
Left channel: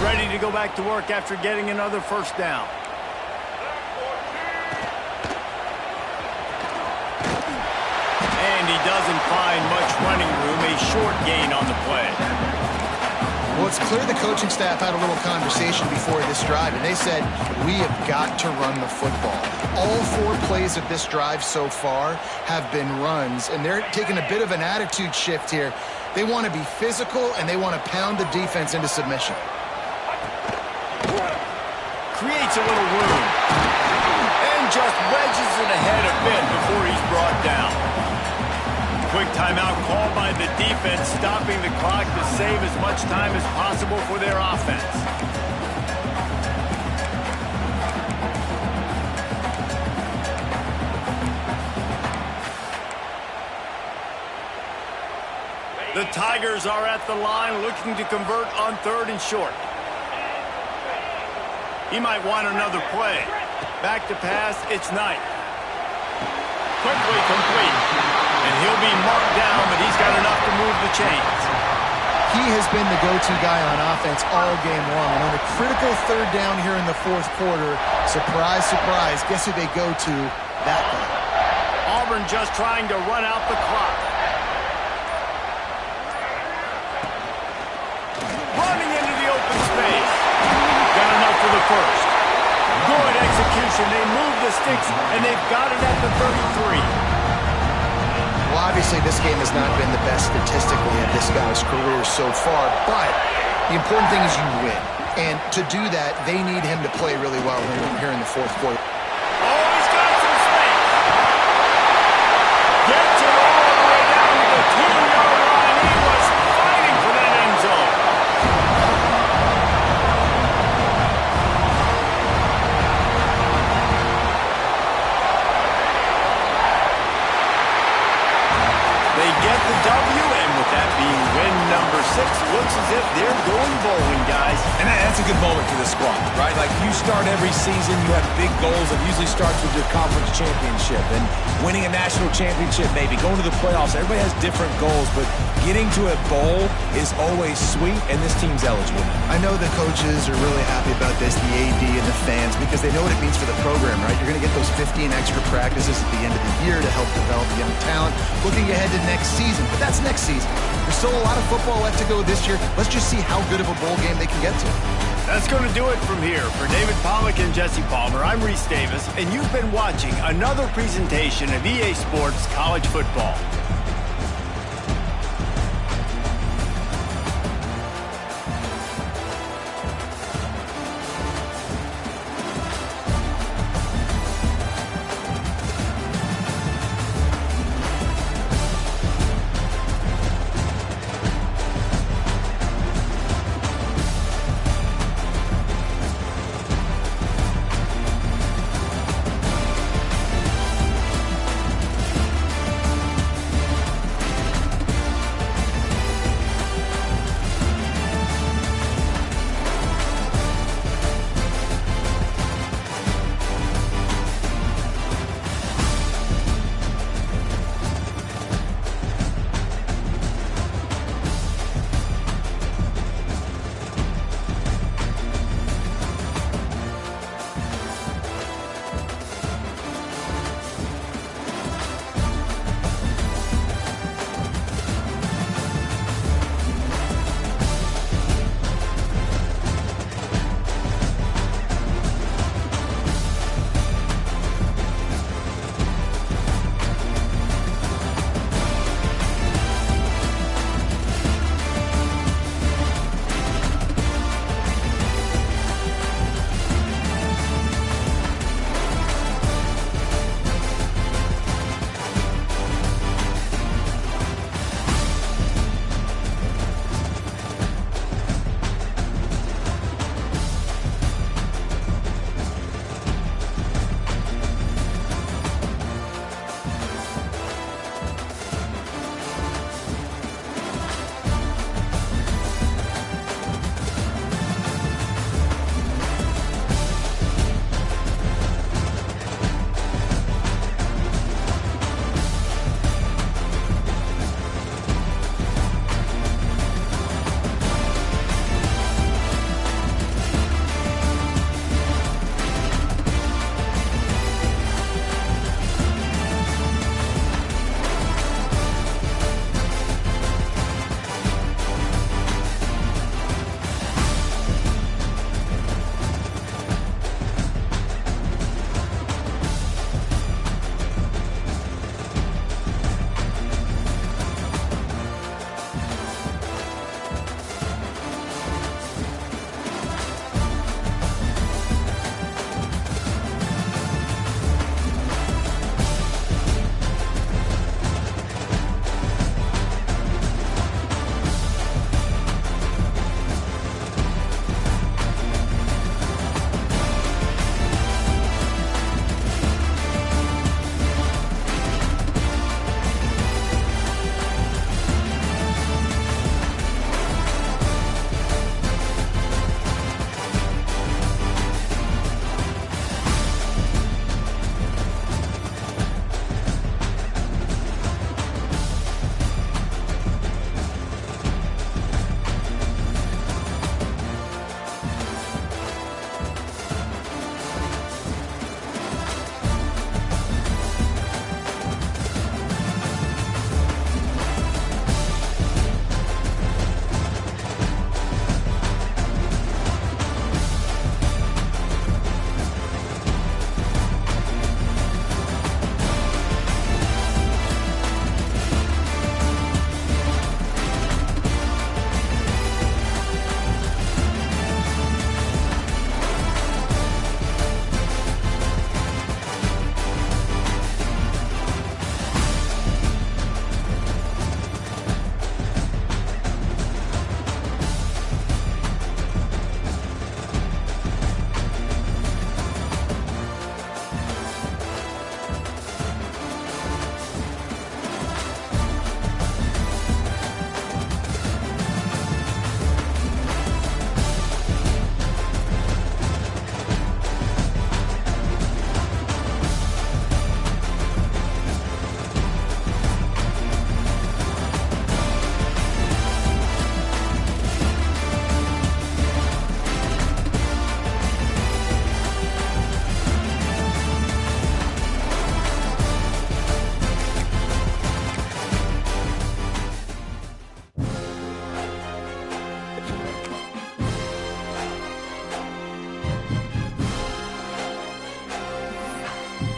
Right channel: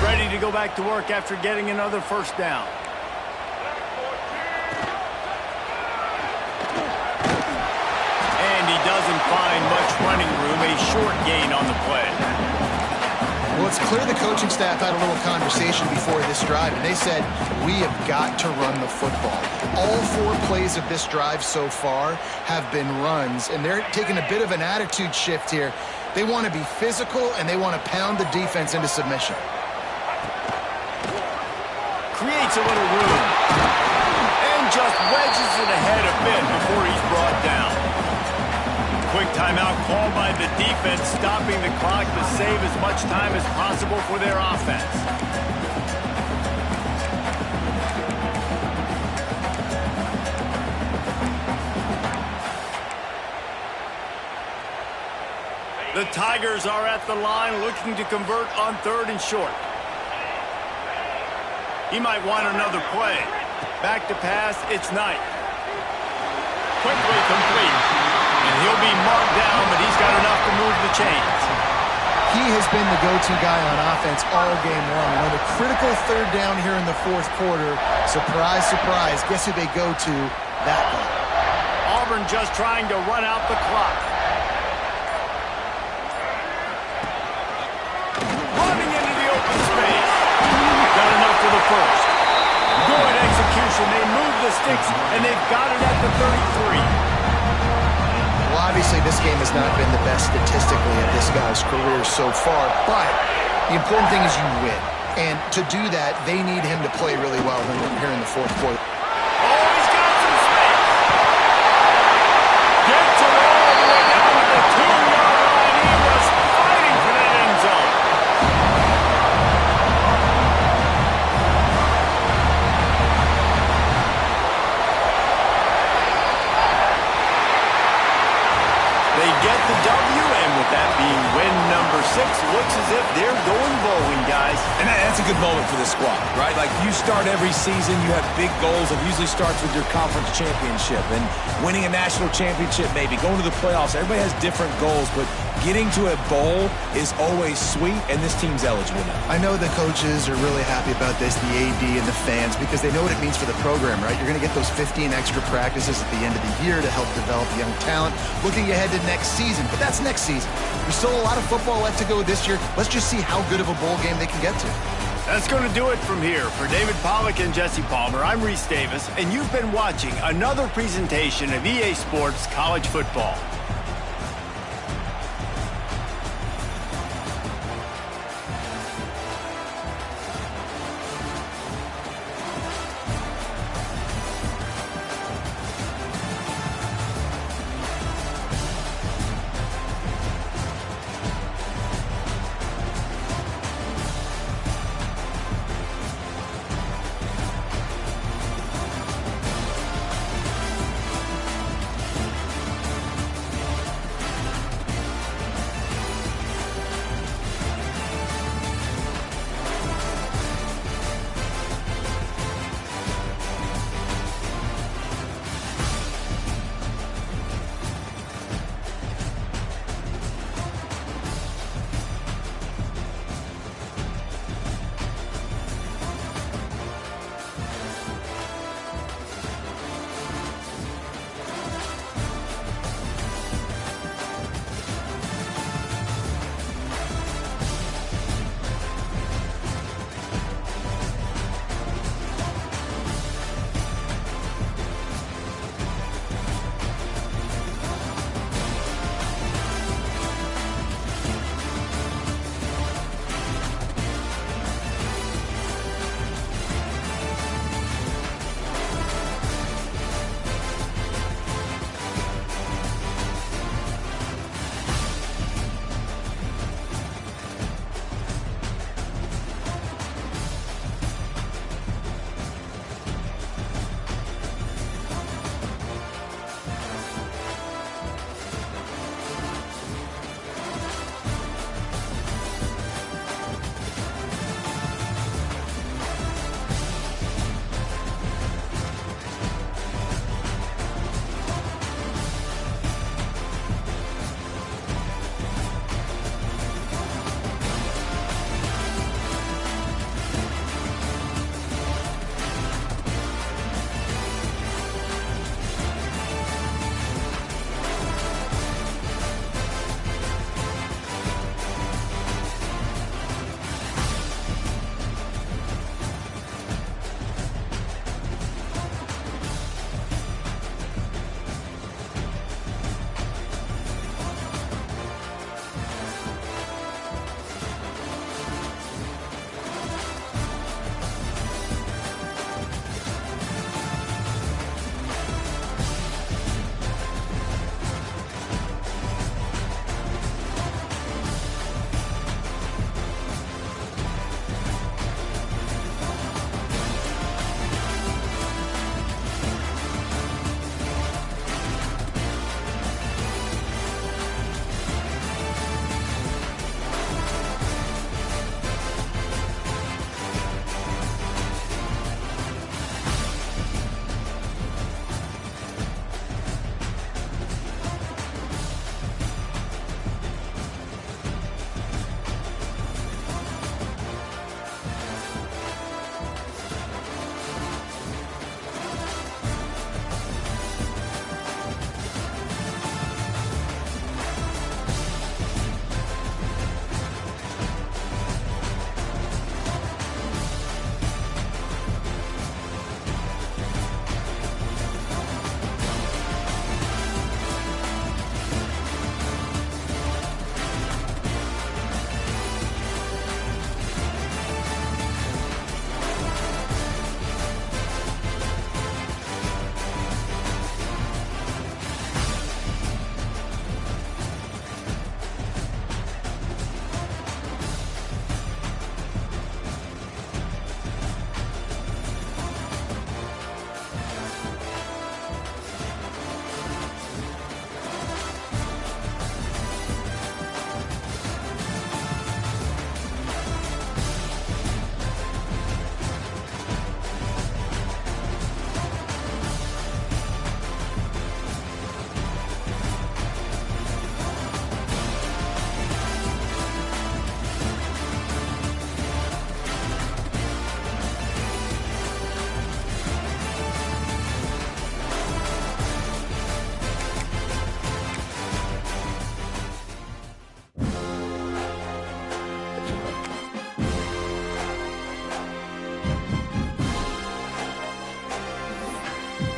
Ready to go back to work after getting another first down. And he doesn't find much running room, a short gain on the play. Well, it's clear the coaching staff had a little conversation before this drive, and they said, we have got to run the football. All 4 plays of this drive so far have been runs, and they're taking a bit of an attitude shift here. They want to be physical, and they want to pound the defense into submission. Creates a little room. And just wedges it ahead a bit before he's brought down. Quick timeout called by the defense, stopping the clock to save as much time as possible for their offense. The Tigers are at the line looking to convert on 3rd and short. He might want another play. Back to pass, it's Knight. Quickly complete. And he'll be marked down, but he's got enough to move the chains. He has been the go-to guy on offense all game long. And on a critical 3rd down here in the 4th quarter, surprise, surprise, guess who they go to? That guy. Auburn just trying to run out the clock. Running into the open space. Got enough for the first. Good execution. They move the sticks, and they've got it at the 33. Well, obviously, this game has not been the best statistically of this guy's career so far, but the important thing is you win. And to do that, they need him to play really well here in the 4th quarter. Oh, he's got some space. Gets it all the way down to the 2-yard line. He was fighting for that end zone. They get the W, and with that being win number 6, looks as if they're going bowling, guys. And that's a good moment for this squad, right? Like, you start every season, you have big goals. It usually starts with your conference championship and winning a national championship, maybe going to the playoffs. Everybody has different goals, but getting to a bowl is always sweet, and this team's eligible now. I know the coaches are really happy about this, the AD and the fans, because they know what it means for the program, right? You're going to get those 15 extra practices at the end of the year to help develop young talent. Looking ahead to next season, but that's next season. There's still a lot of football left to go this year. Let's just see how good of a bowl game they can get to. That's going to do it from here. For David Pollack and Jesse Palmer, I'm Reese Davis, and you've been watching another presentation of EA Sports College Football.